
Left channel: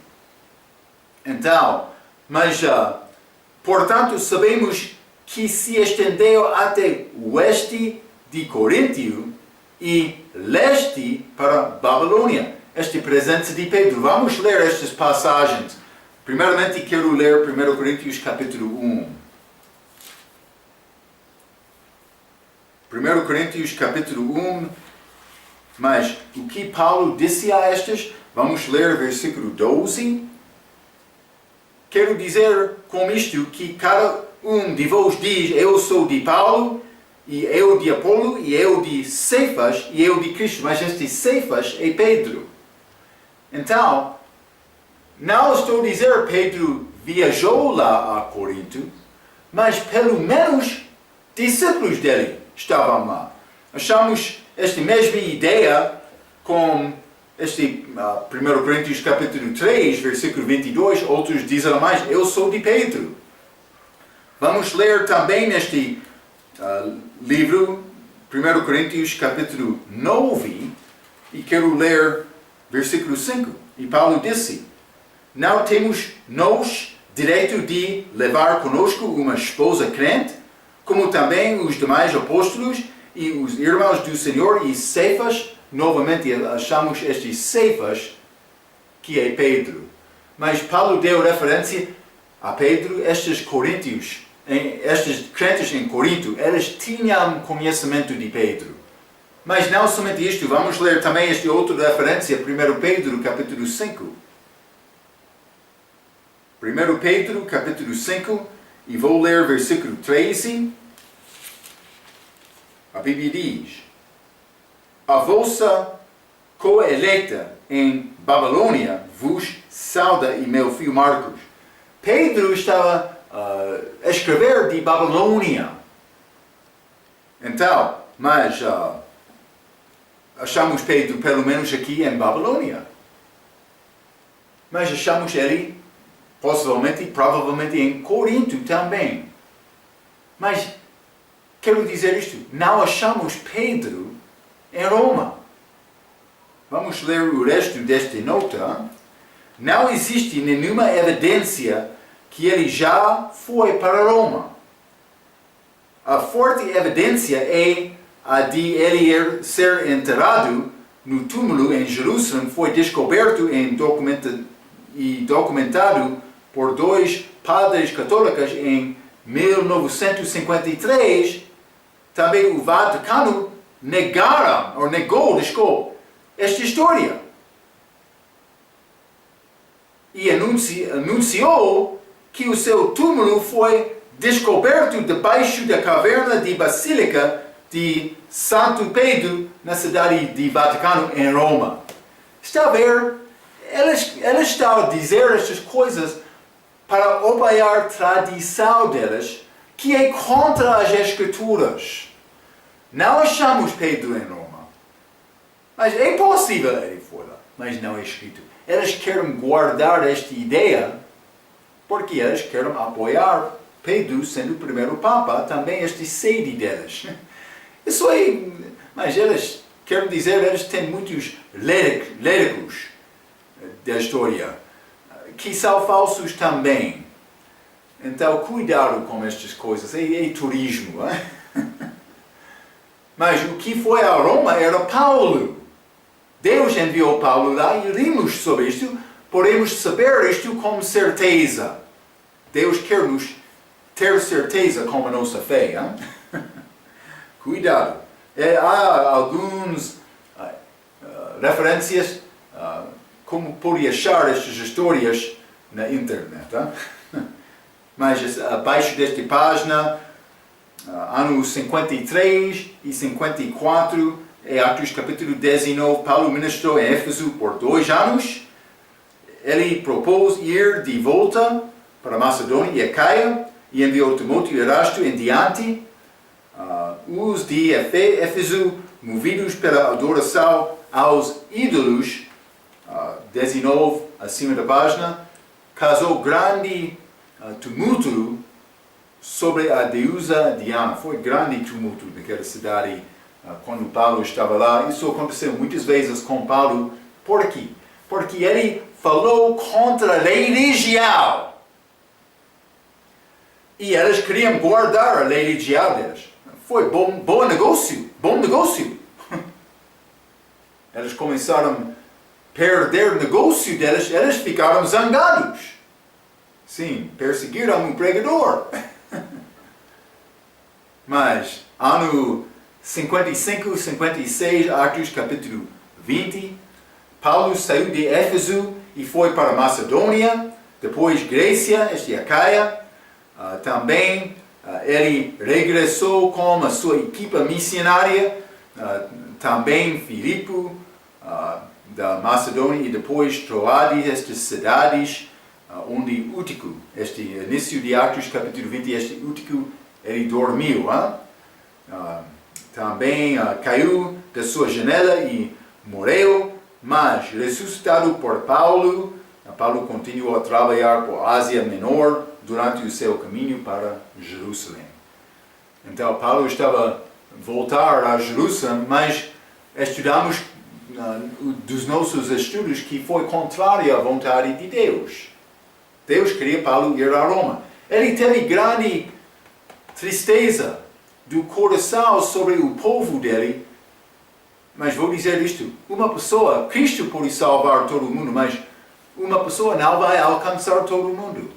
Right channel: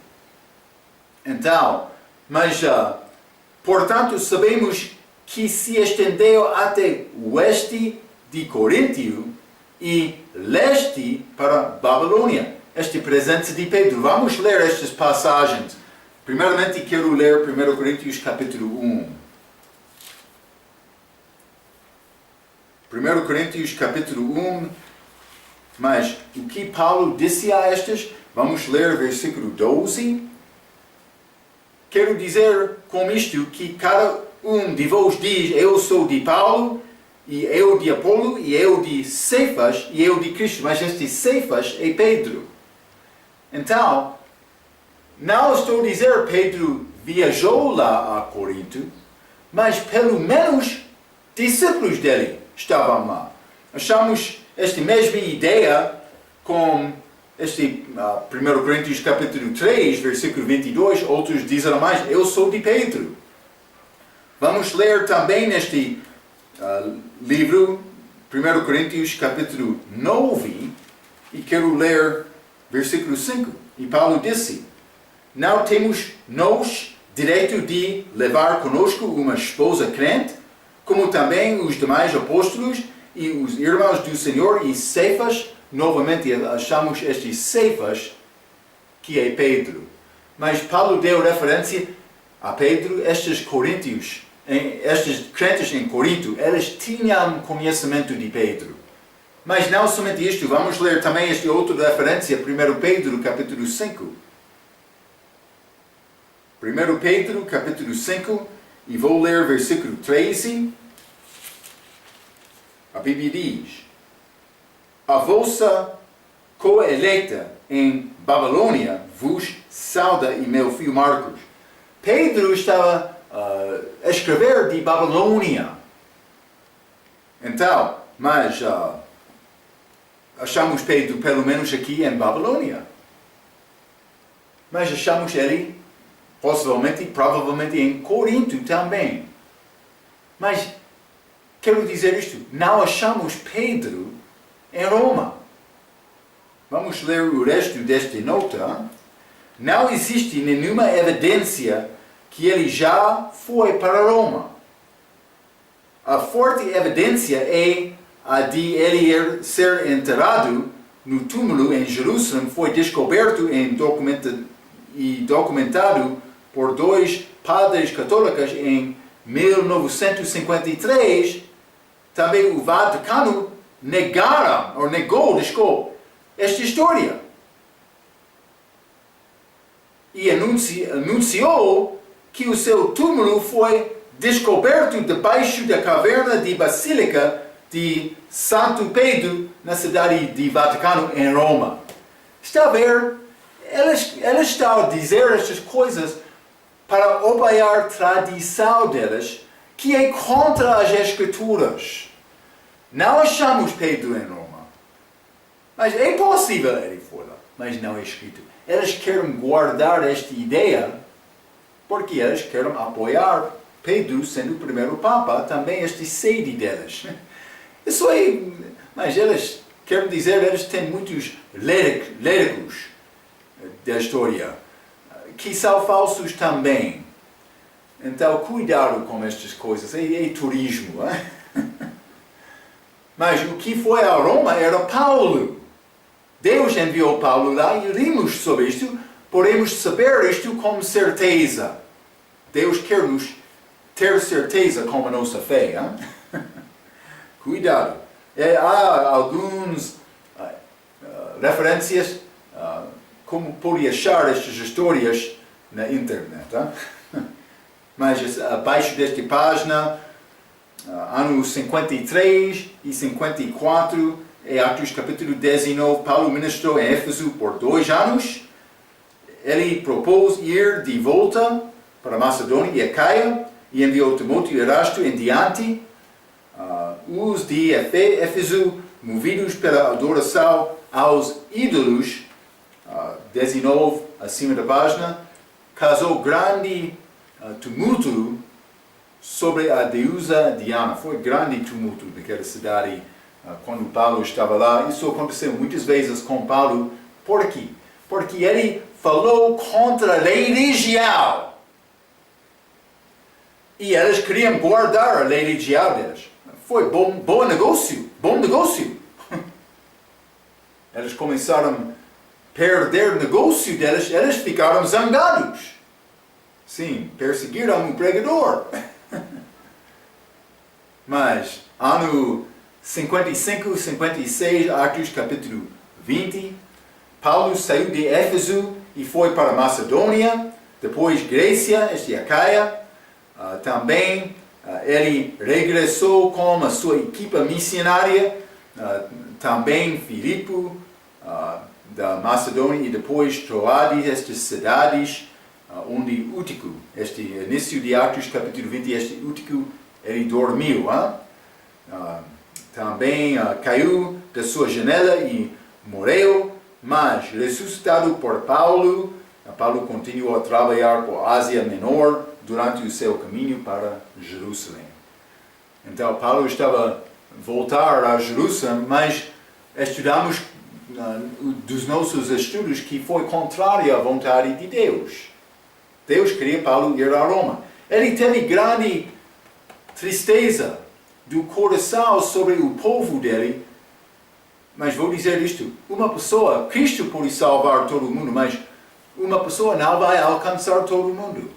Então, portanto, sabemos que se estendeu até o oeste de Coríntio e leste para Babilônia. Esta presença de Pedro. Vamos ler estas passagens. Primeiramente, quero ler 1 Coríntios capítulo 1. 1 Coríntios capítulo 1. Mas o que Paulo disse a estas? Vamos ler versículo 12. Quero dizer com isto que cada um de vós diz: eu sou de Paulo, e eu de Apolo, e eu de Cefas, e eu de Cristo. Mas este Cefas é Pedro. Então, não estou a dizer que Pedro viajou lá a Corinto, mas pelo menos discípulos dele estavam lá. Achamos esta mesma ideia com este 1 Coríntios capítulo 3, versículo 22, outros dizem mais: eu sou de Pedro. Vamos ler também neste livro, 1 Coríntios capítulo 9, e quero ler versículo 5. E Paulo disse: não temos nós direito de levar conosco uma esposa crente, como também os demais apóstolos e os irmãos do Senhor e Cefas. Novamente achamos este Cefas, que é Pedro. Mas Paulo deu referência a Pedro. Estes coríntios, estes crentes em Corinto, eles tinham conhecimento de Pedro. Mas não somente isto, vamos ler também esta outra referência, 1 Pedro capítulo 5. 1 Pedro capítulo 5, e vou ler versículo 13. A Bíblia diz: a vossa coeleta em Babilônia vos sauda, e meu filho Marcos. Pedro estava a escrever de Babilônia. Então, mas achamos Pedro pelo menos aqui em Babilônia. Mas achamos ele possivelmente, provavelmente em Corinto também. Mas quero dizer isto, não achamos Pedro em Roma. Vamos ler o resto desta nota. Não existe nenhuma evidência que ele já foi para Roma. A forte evidência é a de ele ser enterrado no túmulo em Jerusalém. Foi descoberto e documentado por 2 padres católicos em 1953. Também o Vaticano negou esta história. E anunciou que o seu túmulo foi descoberto debaixo da caverna de Basílica de Santo Pedro, na cidade de Vaticano, em Roma. Está a ver? Ela está a dizer estas coisas para apoiar a tradição delas, que é contra as Escrituras. Não achamos Pedro em Roma. Mas é possível ele foi lá, mas não é escrito. Elas querem guardar esta ideia porque elas querem apoiar Pedro sendo o primeiro Papa, também esta sede delas. Isso é, mas elas querem dizer, elas têm muitos léricos da história, que são falsos também. Então, cuidado com estas coisas, é turismo. Mas o que foi a Roma era Paulo. Deus enviou Paulo lá e rimos sobre isto, podemos saber isto com certeza. Deus quer-nos ter certeza com a nossa fé. Cuidado. Há algumas referências como pode achar estas histórias na internet. Mas abaixo desta página, anos 53 e 54, em Atos capítulo 19, Paulo ministrou em Éfeso por 2 anos. Ele propôs ir de volta para Macedônia e Acaia e enviou Timóteo e Erasto em diante. Os de Éfeso, movidos pela adoração aos ídolos, 19 acima da página, causou grande tumulto sobre a deusa Diana. Foi grande tumulto naquela cidade quando Paulo estava lá. Isso aconteceu muitas vezes com Paulo. Por quê? Porque ele falou contra a religião. E elas queriam guardar a religião delas. Foi bom negócio. Elas começaram a perder o negócio delas. Elas ficaram zangados. Sim, perseguiram um pregador. Mas, ano 55, 56, Atos capítulo 20, Paulo saiu de Éfeso e foi para Macedônia, depois Grécia, esta é Acaia. Também ele regressou com a sua equipa missionária, também Filipe, da Macedônia, e depois Troade, estas cidades, onde Útico, este início de Atos capítulo 20, este Útico, ele dormiu. Também caiu da sua janela e morreu, mas ressuscitado por Paulo, Paulo continuou a trabalhar por Ásia Menor durante o seu caminho para Jerusalém. Então Paulo estava a voltar a Jerusalém, mas estudamos dos nossos estudos que foi contrário à vontade de Deus. Deus queria Paulo ir a Roma. Ele teve grande tristeza do coração sobre o povo dele. Mas vou dizer isto, uma pessoa, Cristo pode salvar todo o mundo, mas uma pessoa não vai alcançar todo o mundo.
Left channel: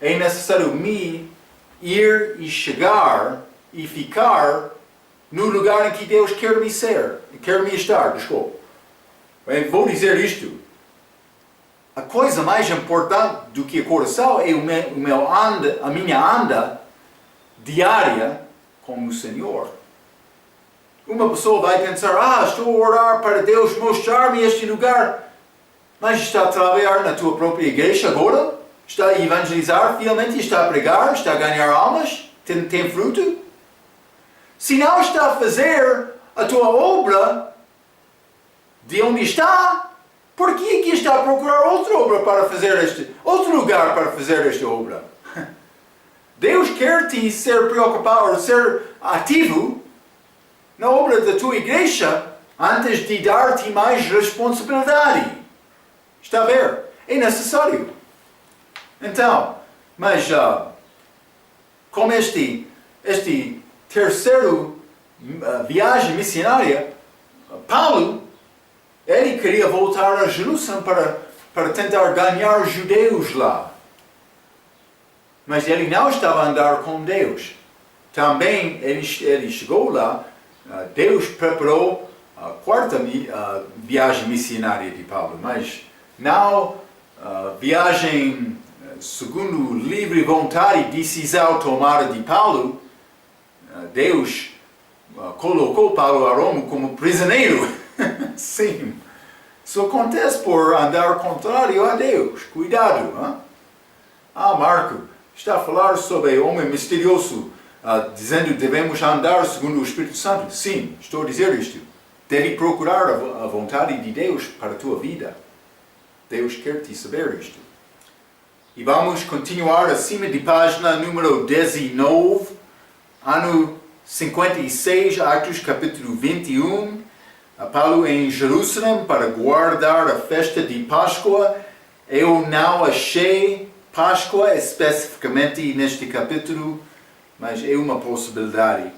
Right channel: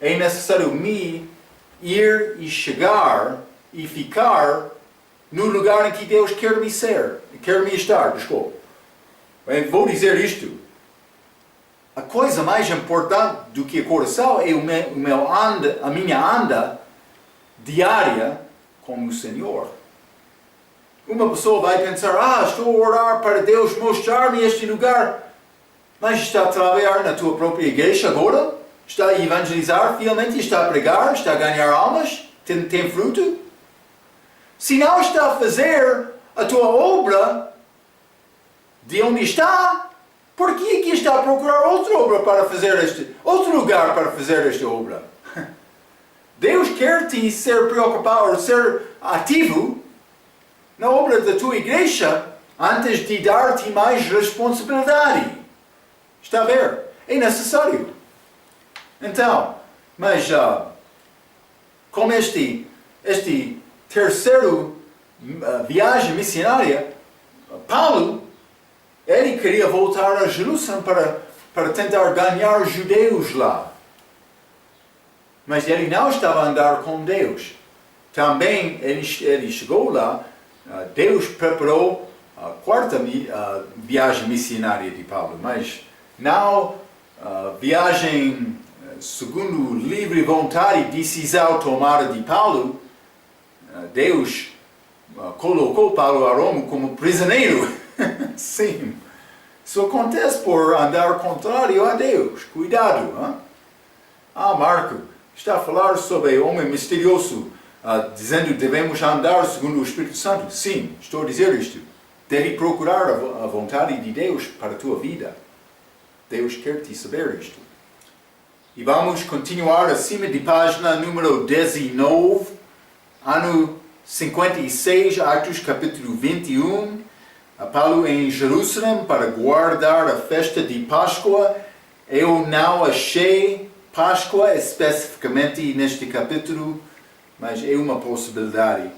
É necessário ir e chegar e ficar no lugar em que Deus quer me estar, desculpa. Vou dizer isto, a coisa mais importante do que o coração é a minha anda diária com o Senhor. Uma pessoa vai pensar, estou a orar para Deus mostrar-me este lugar, mas está a trabalhar na tua própria igreja agora? Está a evangelizar fielmente? Está a pregar? Está a ganhar almas? Tem fruto? Se não está a fazer a tua obra de onde está, por que aqui está a procurar outra obra para fazer outro lugar para fazer esta obra? Deus quer te ser preocupado, ser ativo na obra da tua igreja antes de dar-te mais responsabilidade. Está a ver? É necessário. Então, mas com este terceiro viagem missionária, Paulo, ele queria voltar a Jerusalém para tentar ganhar os judeus lá. Mas ele não estava a andar com Deus. Também ele chegou lá, Deus preparou a quarta viagem missionária de Paulo, mas não viagem segundo livre vontade e decisão tomada de Paulo. Deus colocou Paulo a Roma como prisioneiro. Sim. Isso acontece por andar contrário a Deus. Cuidado. Hein? Marco, está a falar sobre o homem misterioso, dizendo que devemos andar segundo o Espírito Santo. Sim, estou a dizer isto. Deve procurar a vontade de Deus para a tua vida. Deus quer te saber isto. E vamos continuar acima de página número 19, ano 56, Atos capítulo 21. Paulo em Jerusalém para guardar a festa de Páscoa. Eu não achei Páscoa especificamente neste capítulo, mas é uma possibilidade.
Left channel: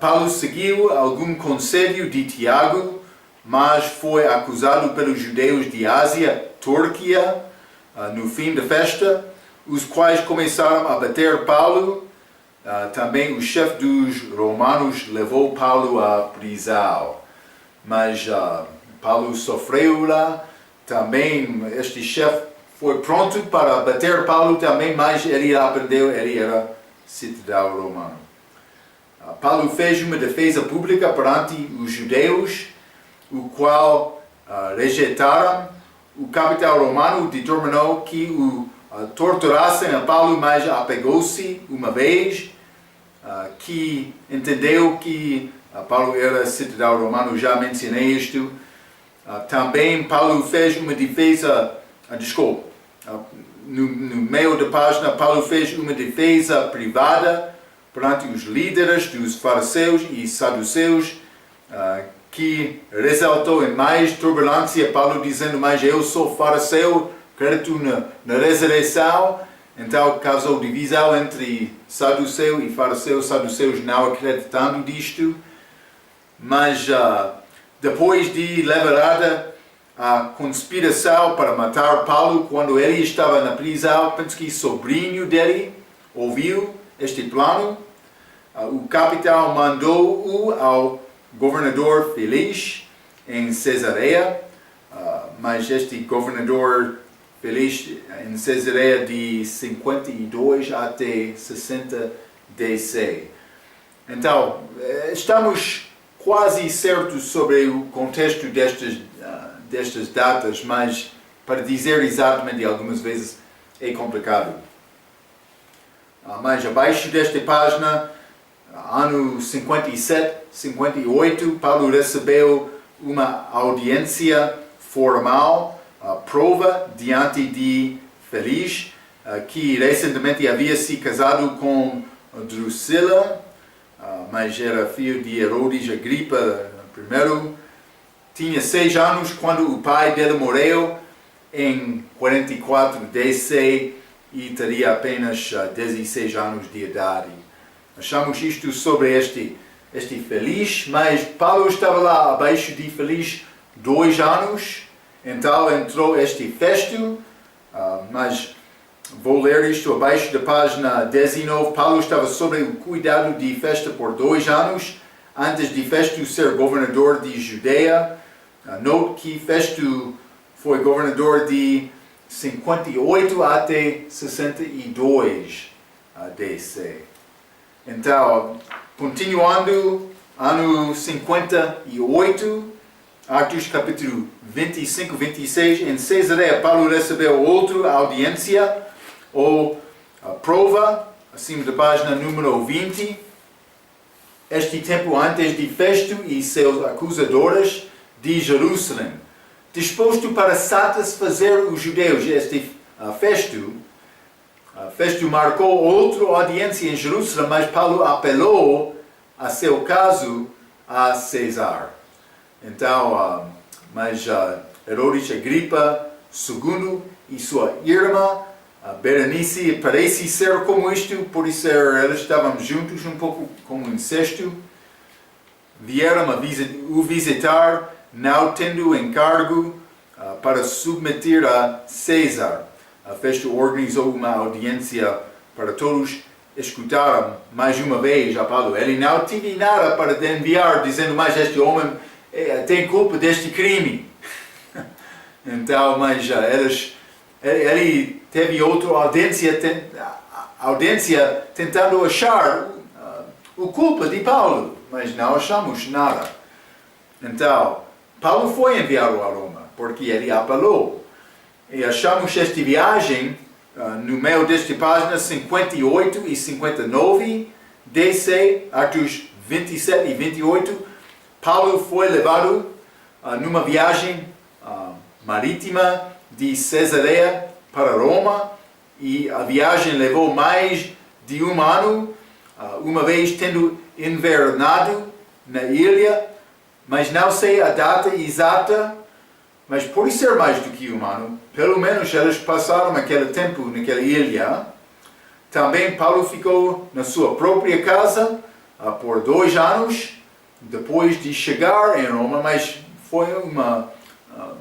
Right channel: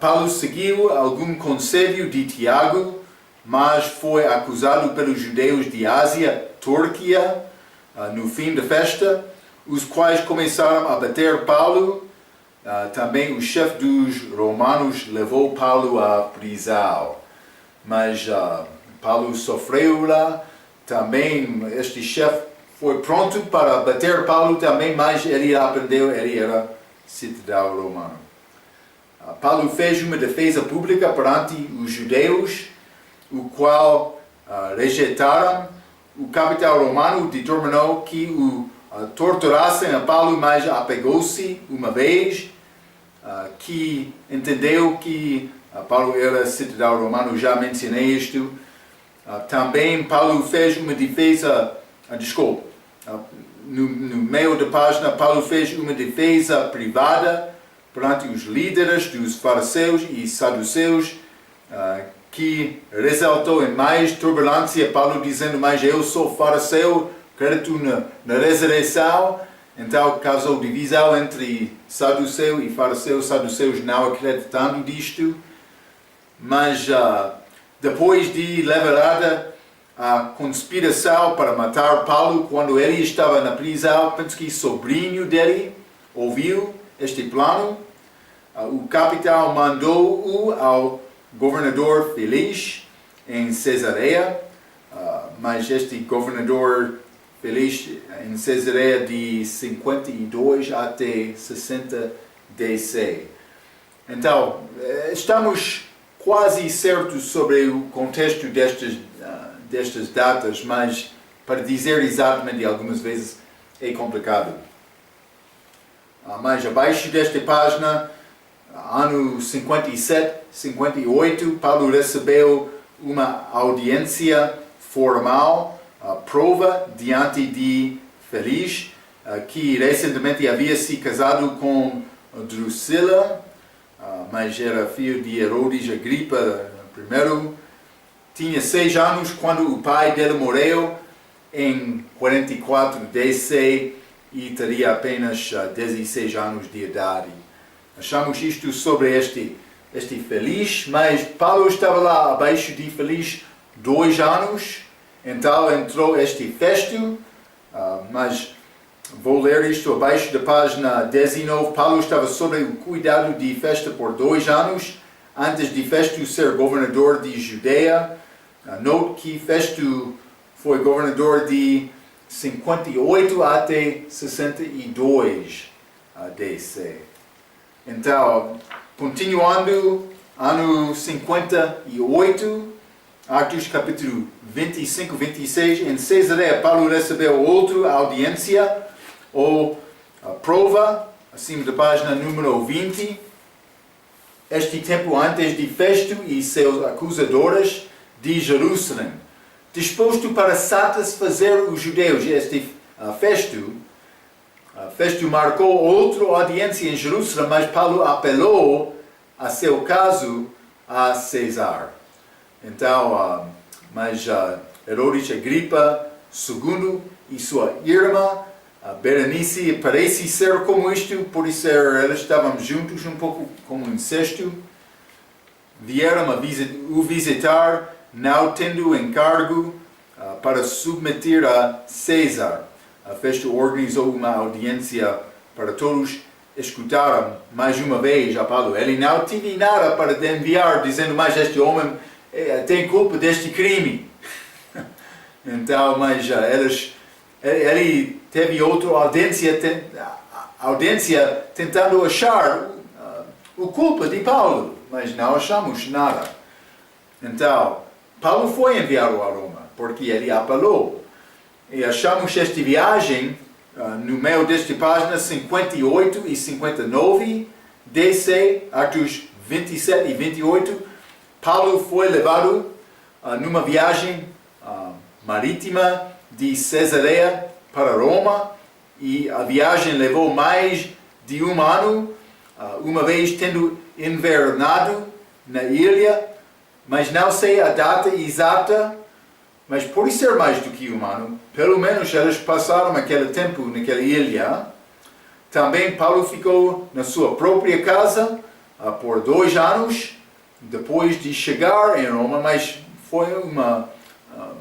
Paulo seguiu algum conselho de Tiago, mas foi acusado pelos judeus de Ásia, Turquia, no fim da festa, os quais começaram a bater Paulo. Também o chefe dos romanos levou Paulo à prisão. Mas Paulo sofreu lá. Também este chefe foi pronto para bater Paulo também, mas ele aprendeu, ele era cidadão romano. Paulo fez uma defesa pública perante os judeus, o qual rejeitaram. O capitão romano determinou que o torturassem a Paulo, mas apegou-se uma vez, que entendeu que Paulo era cidadão romano, já mencionei isto. Também Paulo fez uma defesa, no meio da página, Paulo fez uma defesa privada perante os líderes dos fariseus e saduceus, que resultou em mais turbulência. Paulo dizendo, mas eu sou fariseu, acredito na ressurreição. Então causou divisão entre saduceu e fariseu, saduceus não acreditando disto. Mas depois de levarada a conspiração para matar Paulo, quando ele estava na prisão, penso que sobrinho dele ouviu este plano. O capitão mandou-o ao governador Félix em Cesareia, mas este governador Félix em Cesareia de 52 até 60 DC. Então, estamos quase certos sobre o contexto destas datas, mas para dizer exatamente algumas vezes é complicado. Mas abaixo desta página, ano 57, 58, Paulo recebeu uma audiência formal, prova diante de Félix, que recentemente havia se casado com Drusila, mas era filho de Herodes Agripa I. Tinha 6 anos quando o pai dele morreu em 44 DC e teria apenas 16 anos de idade. Achamos isto sobre este Félix, mas Paulo estava lá abaixo de Félix 2 anos, então entrou este Festo, mas vou ler isto abaixo da página 19. Paulo estava sob o cuidado de Festo por 2 anos, antes de Festo ser governador de Judeia. Note que Festo foi governador de 58 até 62 DC. Então, continuando, ano 58, Atos capítulo 25, 26, em Cesareia, Paulo recebeu outra audiência, ou prova, acima da página número 20. Este tempo antes de Festo e seus acusadores de Jerusalém, disposto para satisfazer os judeus. Este Festo marcou outra audiência em Jerusalém, mas Paulo apelou a seu caso a César. Então, mas Herodes Agripa II e sua irmã, Berenice, parece ser como isto, por isso eles estavam juntos, um pouco como incesto. Vieram o visitar, não tendo encargo para submeter a César. Festo organizou uma audiência para todos escutaram mais uma vez a Paulo. Ele não teve nada para enviar, dizendo, mas este homem tem culpa deste crime. Então, mas ele teve outra audiência tentando achar o culpa de Paulo, mas não achamos nada. Então, Paulo foi enviado a Roma, porque ele apelou. E achamos esta viagem no meio desta página 58 e 59, DC, Atos 27 e 28. Paulo foi levado numa viagem marítima de Cesareia para Roma, e a viagem levou mais de um ano, uma vez tendo invernado na ilha, mas não sei a data exata, mas pode ser mais do que um ano. Pelo menos eles passaram aquele tempo naquela ilha. Também Paulo ficou na sua própria casa por 2 anos, depois de chegar em Roma, mas foi uma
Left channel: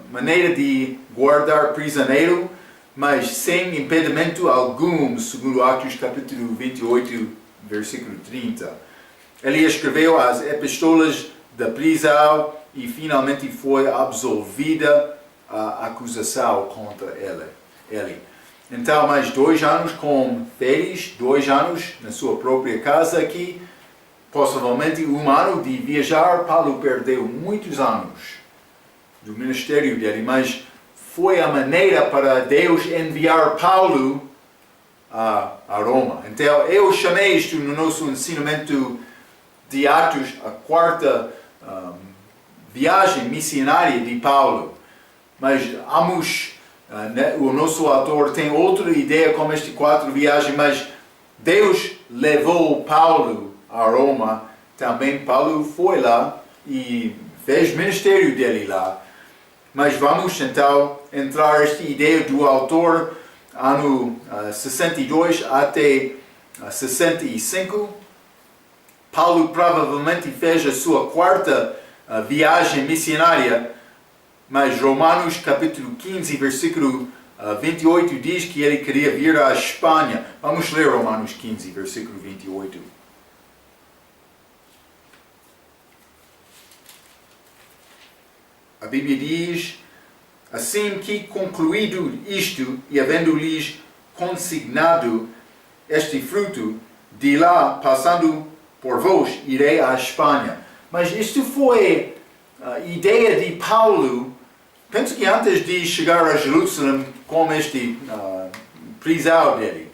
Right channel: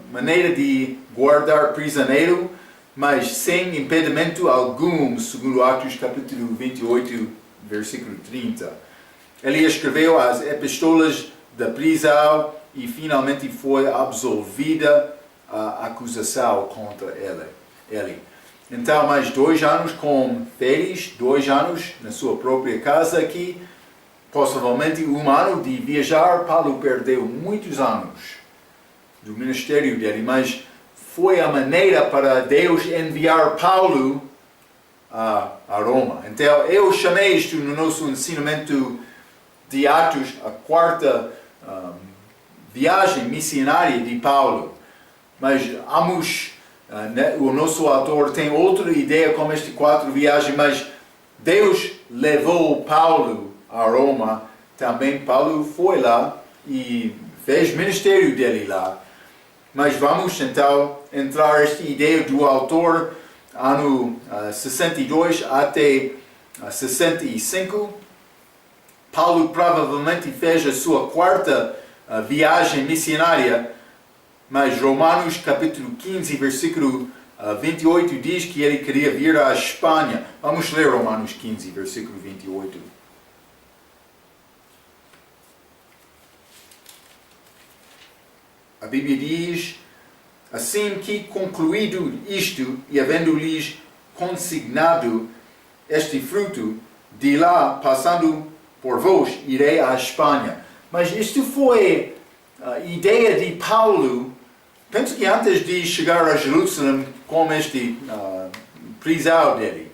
maneira de guardar prisioneiro, mas sem impedimento algum, segundo Atos capítulo 28, versículo 30. Ele escreveu as epístolas da prisão e finalmente foi absolvida a acusação contra ele. Então, mais 2 anos com férias, 2 anos na sua própria casa aqui, possivelmente 1 ano de viajar. Paulo perdeu muitos anos do ministério dele, mas foi a maneira para Deus enviar Paulo a Roma. Então, eu chamei isto no nosso ensinamento de Atos, a 4ª viagem missionária de Paulo. Mas o nosso autor tem outra ideia como estas 4 viagens, mas Deus levou Paulo a Roma. Também Paulo foi lá e fez ministério dele lá. Mas vamos então entrar nesta ideia do autor, ano 62 até 65. Paulo provavelmente fez a sua 4ª viagem missionária, mas Romanos capítulo 15, versículo 28 diz que ele queria vir à Espanha. Vamos ler Romanos 15, versículo 28. A Bíblia diz, assim que concluído isto e havendo-lhes consignado este fruto, de lá, passando por vós, irei à Espanha. Mas isto foi a ideia de Paulo. Penso que antes de chegar a Jerusalém com este prisão dele,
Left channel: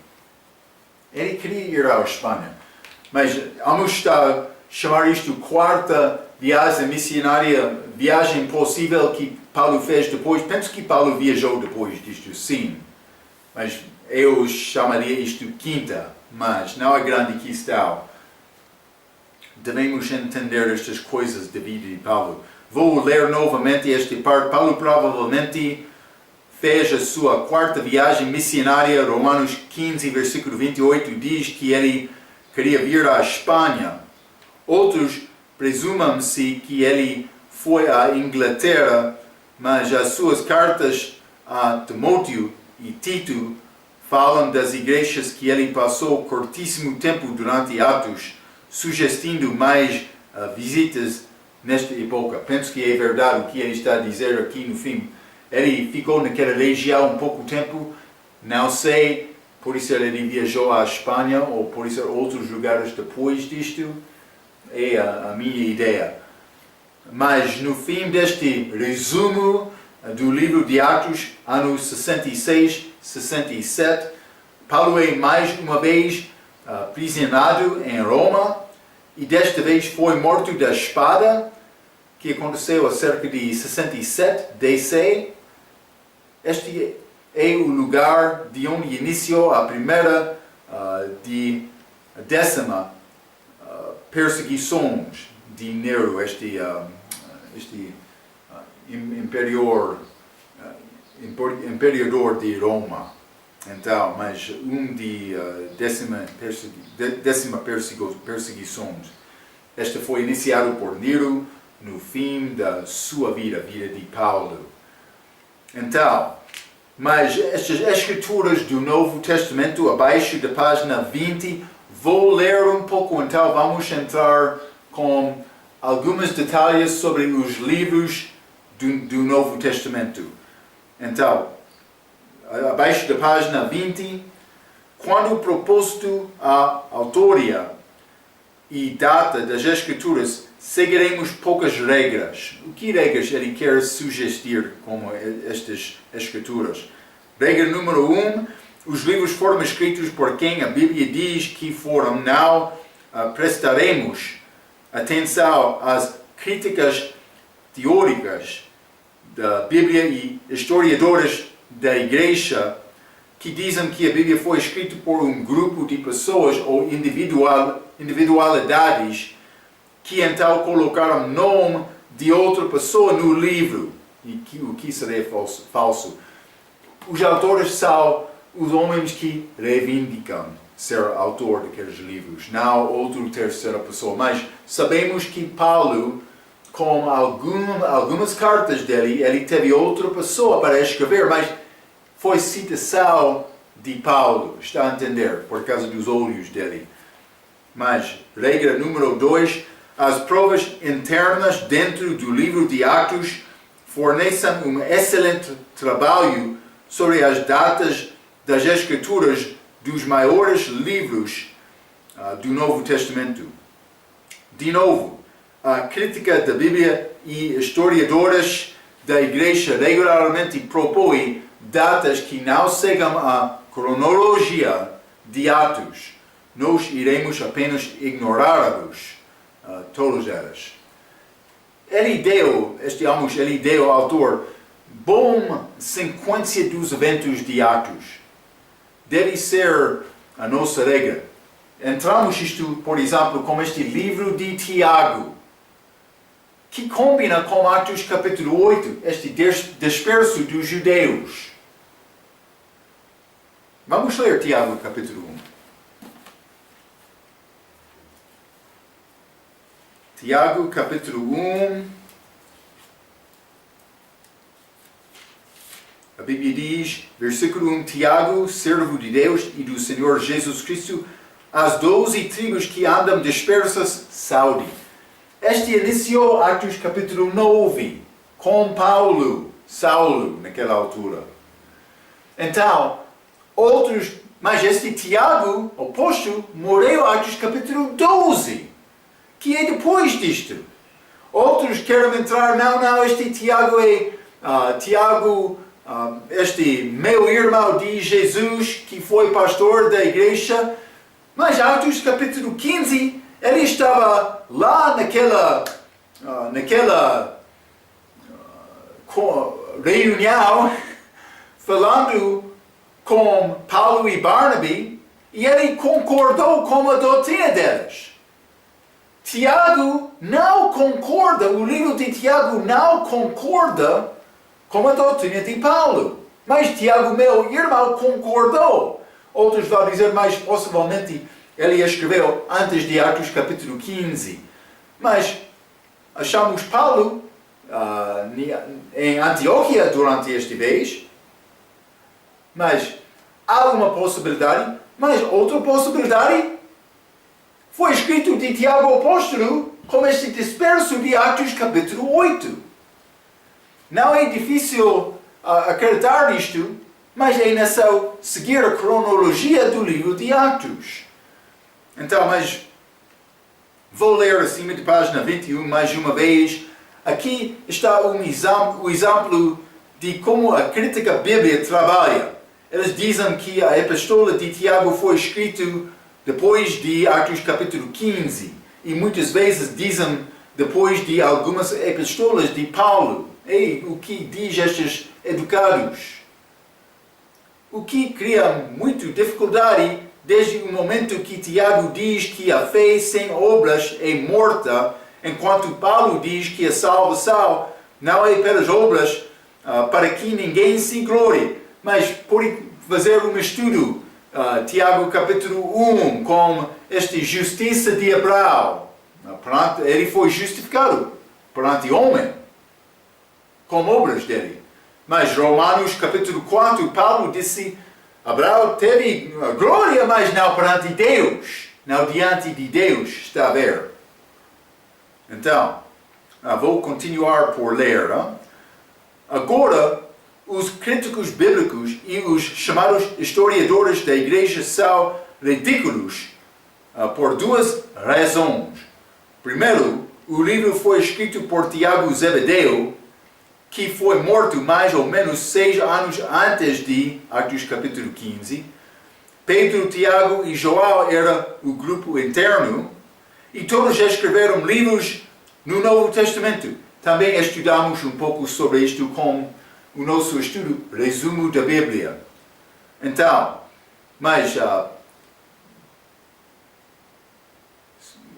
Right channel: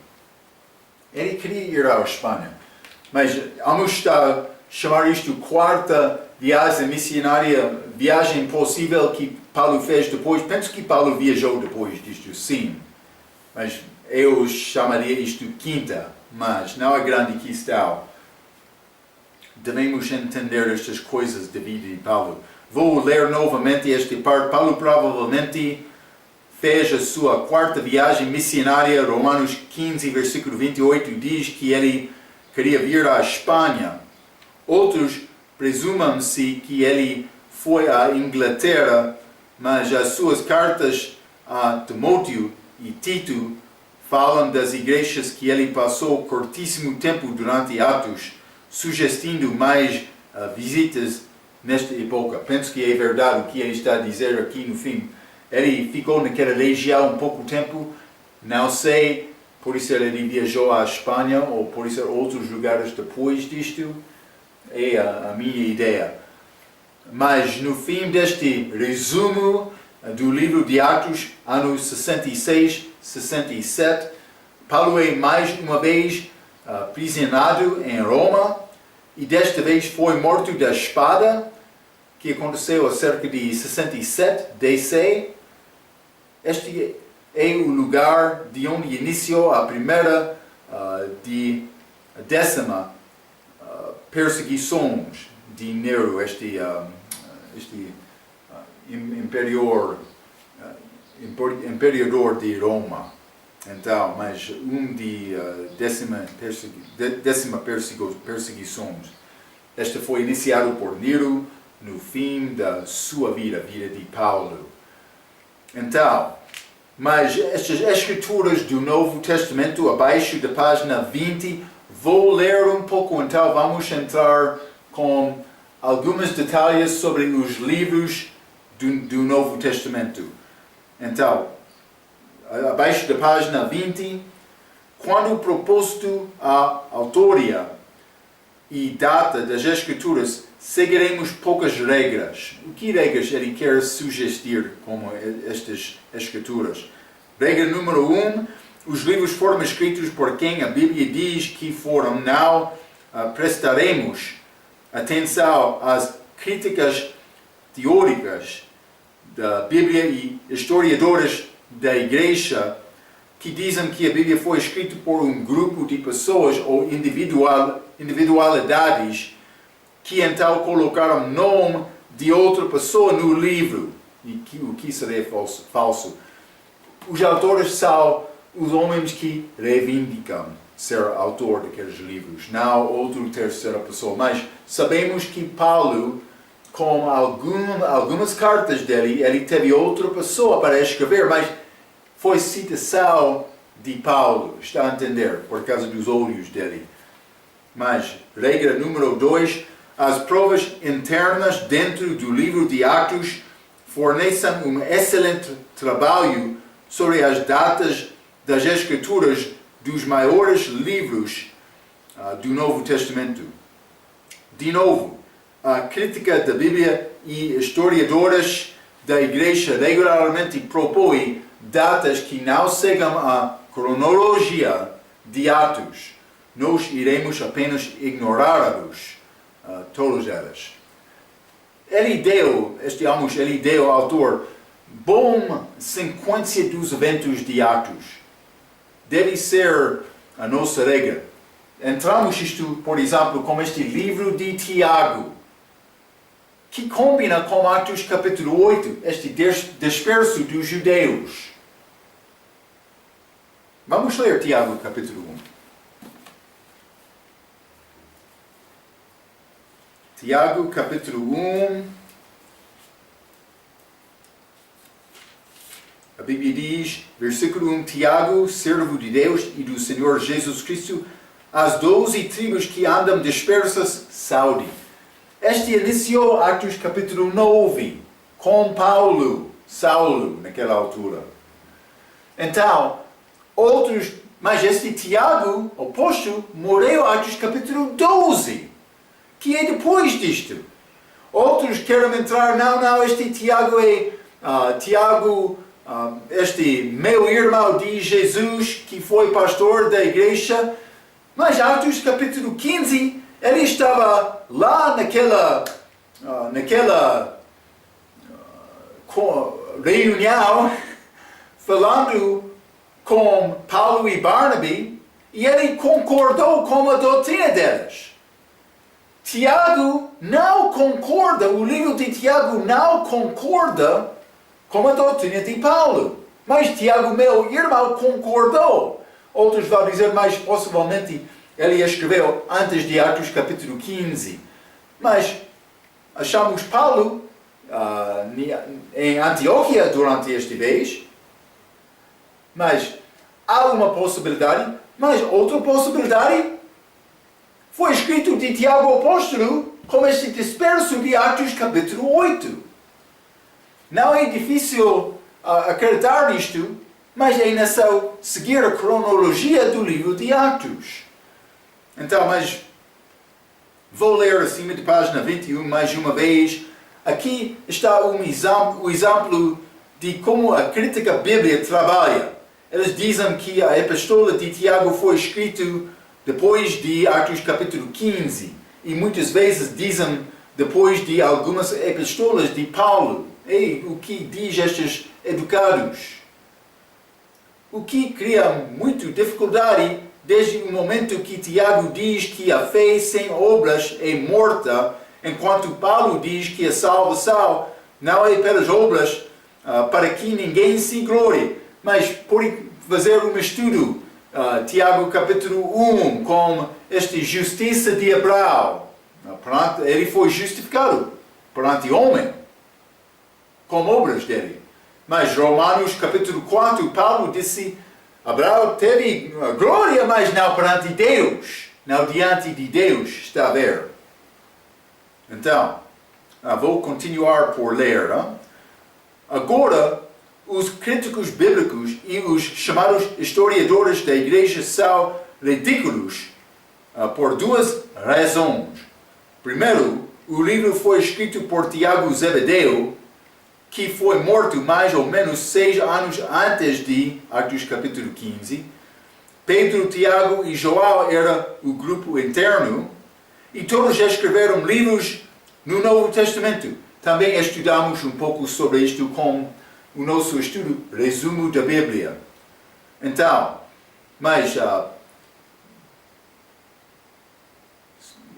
ele queria ir à Espanha. Mas vamos chamar isto 4ª viagem missionária, viagem possível que Paulo fez depois. Penso que Paulo viajou depois disto, sim. Mas eu chamaria isto 5ª, mas não é grande questão. Devemos entender estas coisas da vida de Paulo. Vou ler novamente esta parte. Paulo provavelmente fez a sua 4ª viagem missionária. Romanos 15, versículo 28 diz que ele queria vir à Espanha. Outros presumam-se que ele foi à Inglaterra, mas as suas cartas a Timóteo e Tito falam das igrejas que ele passou curtíssimo tempo durante Atos, sugestindo mais visitas nesta época. Penso que é verdade o que ele está a dizer aqui no fim. Ele ficou naquela região um pouco tempo, não sei, por isso ele viajou à Espanha ou por isso outros lugares depois disto. É a minha ideia. Mas no fim deste resumo do livro de Atos, anos 66, 67, Paulo é mais uma vez aprisionado em Roma e desta vez foi morto da espada, que aconteceu a cerca de 67 DC. Este é o lugar de onde iniciou a primeira de 10ª perseguições de Nero, este imperador de Roma. Então, mas de décima perseguições. Esta foi iniciado por Nero no fim da sua vida, a vida de Paulo. Então, mas estas escrituras do Novo Testamento, abaixo da página 20, vou ler um pouco, então vamos entrar com alguns detalhes sobre os livros do Novo Testamento. Então, abaixo da página 20, quando proposto a autoria e data das Escrituras, seguiremos poucas regras. O que regras ele quer sugerir como estas Escrituras? Regra número 1, os livros foram escritos por quem a Bíblia diz que foram. Não prestaremos atenção às críticas teóricas da Bíblia e historiadores da Igreja que dizem que a Bíblia foi escrita por um grupo de pessoas ou individualidades que então colocaram o nome de outra pessoa no livro, o que seria falso. Os autores são os homens que reivindicam ser autor daqueles livros, não outra terceira pessoa. Mas sabemos que Paulo, com algumas cartas dele, ele teve outra pessoa para escrever, mas foi citação de Paulo, está a entender, por causa dos olhos dele. Mas, regra número 2, as provas internas dentro do livro de Atos fornecem um excelente trabalho sobre as datas das Escrituras dos maiores livros do Novo Testamento. De novo, a crítica da Bíblia e historiadores da Igreja regularmente propõem datas que não seguem a cronologia de Atos. Nós iremos apenas ignorá-los, todas elas. Ele deu ao autor boa sequência dos eventos de Atos. Deve ser a nossa regra. Entramos isto, por exemplo, com este livro de Tiago, que combina com Atos capítulo 8, este disperso dos judeus. Vamos ler Tiago capítulo 1. Tiago capítulo 1. A Bíblia diz, versículo 1, Tiago, servo de Deus e do Senhor Jesus Cristo, as 12 tribos que andam dispersas, saúde. Este iniciou Atos capítulo 9, com Saulo, naquela altura. Então, mas este Tiago, o apóstolo, morreu Atos capítulo 12, que é depois disto. Outros querem entrar, não, este Tiago é este meu irmão de Jesus, que foi pastor da igreja, mas Atos capítulo 15, ele estava lá naquela reunião, falando com Paulo e Barnabé, e ele concordou com a doutrina deles. Tiago não concorda, o livro de Tiago não concorda com a doutrina de Paulo. Mas Tiago, meu irmão, concordou. Outros vão dizer, mas possivelmente ele escreveu antes de Atos capítulo 15. Mas achamos Paulo em Antioquia durante este vez. Mas há uma possibilidade. Mas outra possibilidade foi escrito de Tiago apóstolo como este disperso de Atos capítulo 8. Não é difícil acreditar nisto, mas é necessário seguir a cronologia do livro de Atos. Então, mas vou ler acima de página 21 mais uma vez. Aqui está o exemplo de como a crítica bíblica trabalha. Eles dizem que a epístola de Tiago foi escrita depois de Atos capítulo 15. E muitas vezes dizem depois de algumas epístolas de Paulo. E o que diz estes educados? O que cria muita dificuldade desde o momento que Tiago diz que a fé sem obras é morta, enquanto Paulo diz que a salvação não é pelas obras para que ninguém se glorie, mas por fazer um estudo, Tiago capítulo 1, com esta justiça de Abraão. Ele foi justificado perante o homem, com obras dele. Mas Romanos capítulo 4, Paulo disse, Abraão teve glória, mas não perante Deus, não diante de Deus, está a ver? Então, vou continuar por ler. Agora, os críticos bíblicos e os chamados historiadores da igreja são ridículos por duas razões. Primeiro, o livro foi escrito por Tiago Zebedeu, que foi morto mais ou menos 6 anos antes de Atos capítulo 15. Pedro, Tiago e João eram o grupo interno e todos escreveram livros no Novo Testamento. Também estudamos um pouco sobre isto com o nosso estudo resumo da Bíblia. Então, mas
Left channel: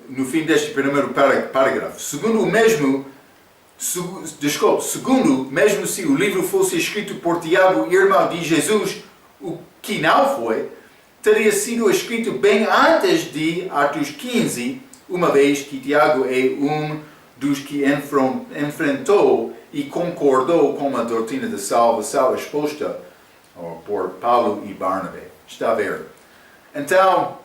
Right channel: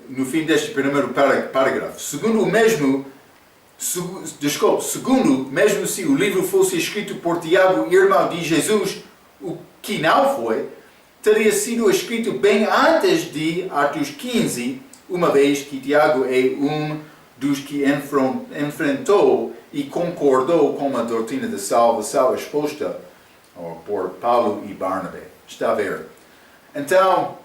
no fim deste primeiro parágrafo, segundo, mesmo se o livro fosse escrito por Tiago, irmão de Jesus, o que não foi, teria sido escrito bem antes de Atos 15, uma vez que Tiago é um dos que enfrentou e concordou com a doutrina da salvação exposta por Paulo e Barnabé. Está a ver? Então,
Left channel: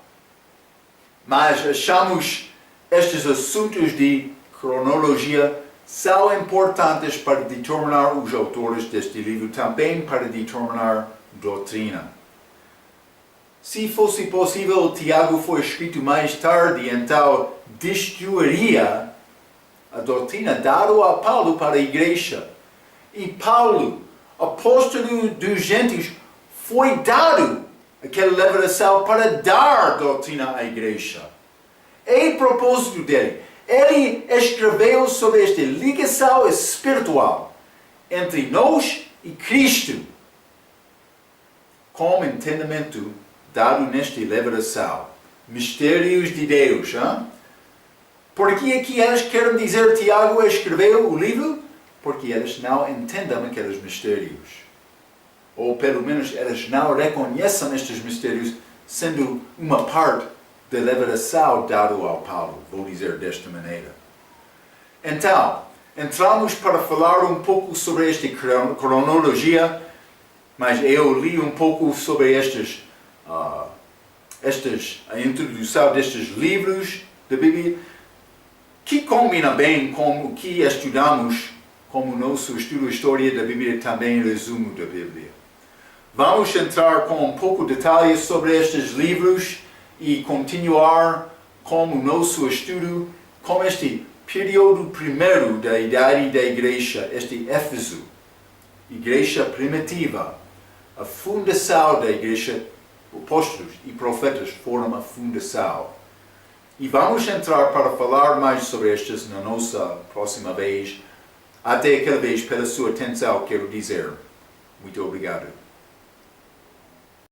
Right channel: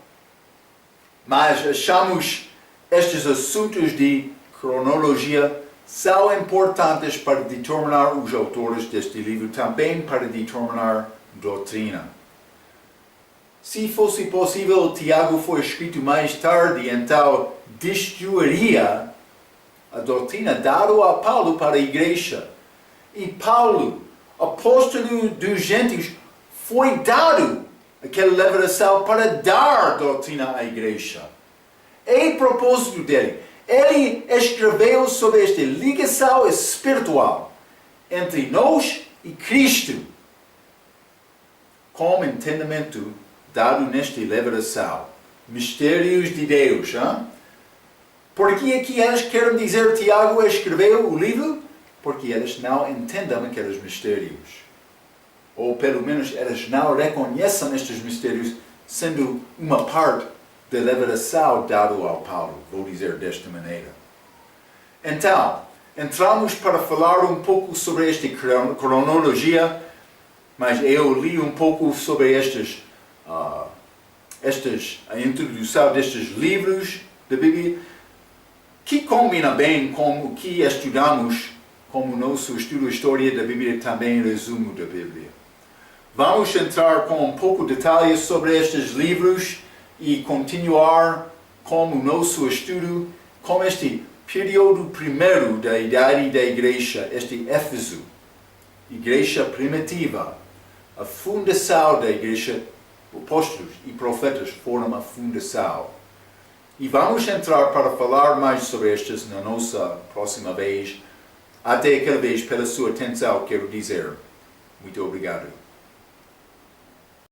mas achamos estes assuntos de cronologia são importantes para determinar os autores deste livro, também para determinar doutrina. Se fosse possível, Tiago foi escrito mais tarde, então destruiria a doutrina dada a Paulo para a igreja. E Paulo, apóstolo dos gentios, foi dado aquela revelação para dar doutrina à igreja. É o propósito dele. Ele escreveu sobre esta ligação espiritual entre nós e Cristo, com entendimento dado nesta revelação. Mistérios de Deus. Por que é que eles querem dizer Tiago escreveu o livro? Porque eles não entendem aqueles mistérios. Ou pelo menos eles não reconhecem estes mistérios sendo uma parte da revelação dada ao Paulo. Vou dizer desta maneira. Então, entramos para falar um pouco sobre esta cronologia, mas eu li um pouco sobre a introdução destes livros da Bíblia, que combina bem com o que estudamos como nosso estudo de história da Bíblia e também resumo da Bíblia. Vamos entrar com um pouco de detalhes sobre estes livros e continuar com o nosso estudo com este período primeiro da idade da igreja, este Éfeso, igreja primitiva. A fundação da igreja, apóstolos e profetas foram a fundação. E vamos entrar para falar mais sobre estas na nossa próxima vez. Até aquela vez, pela sua atenção, quero dizer muito obrigado.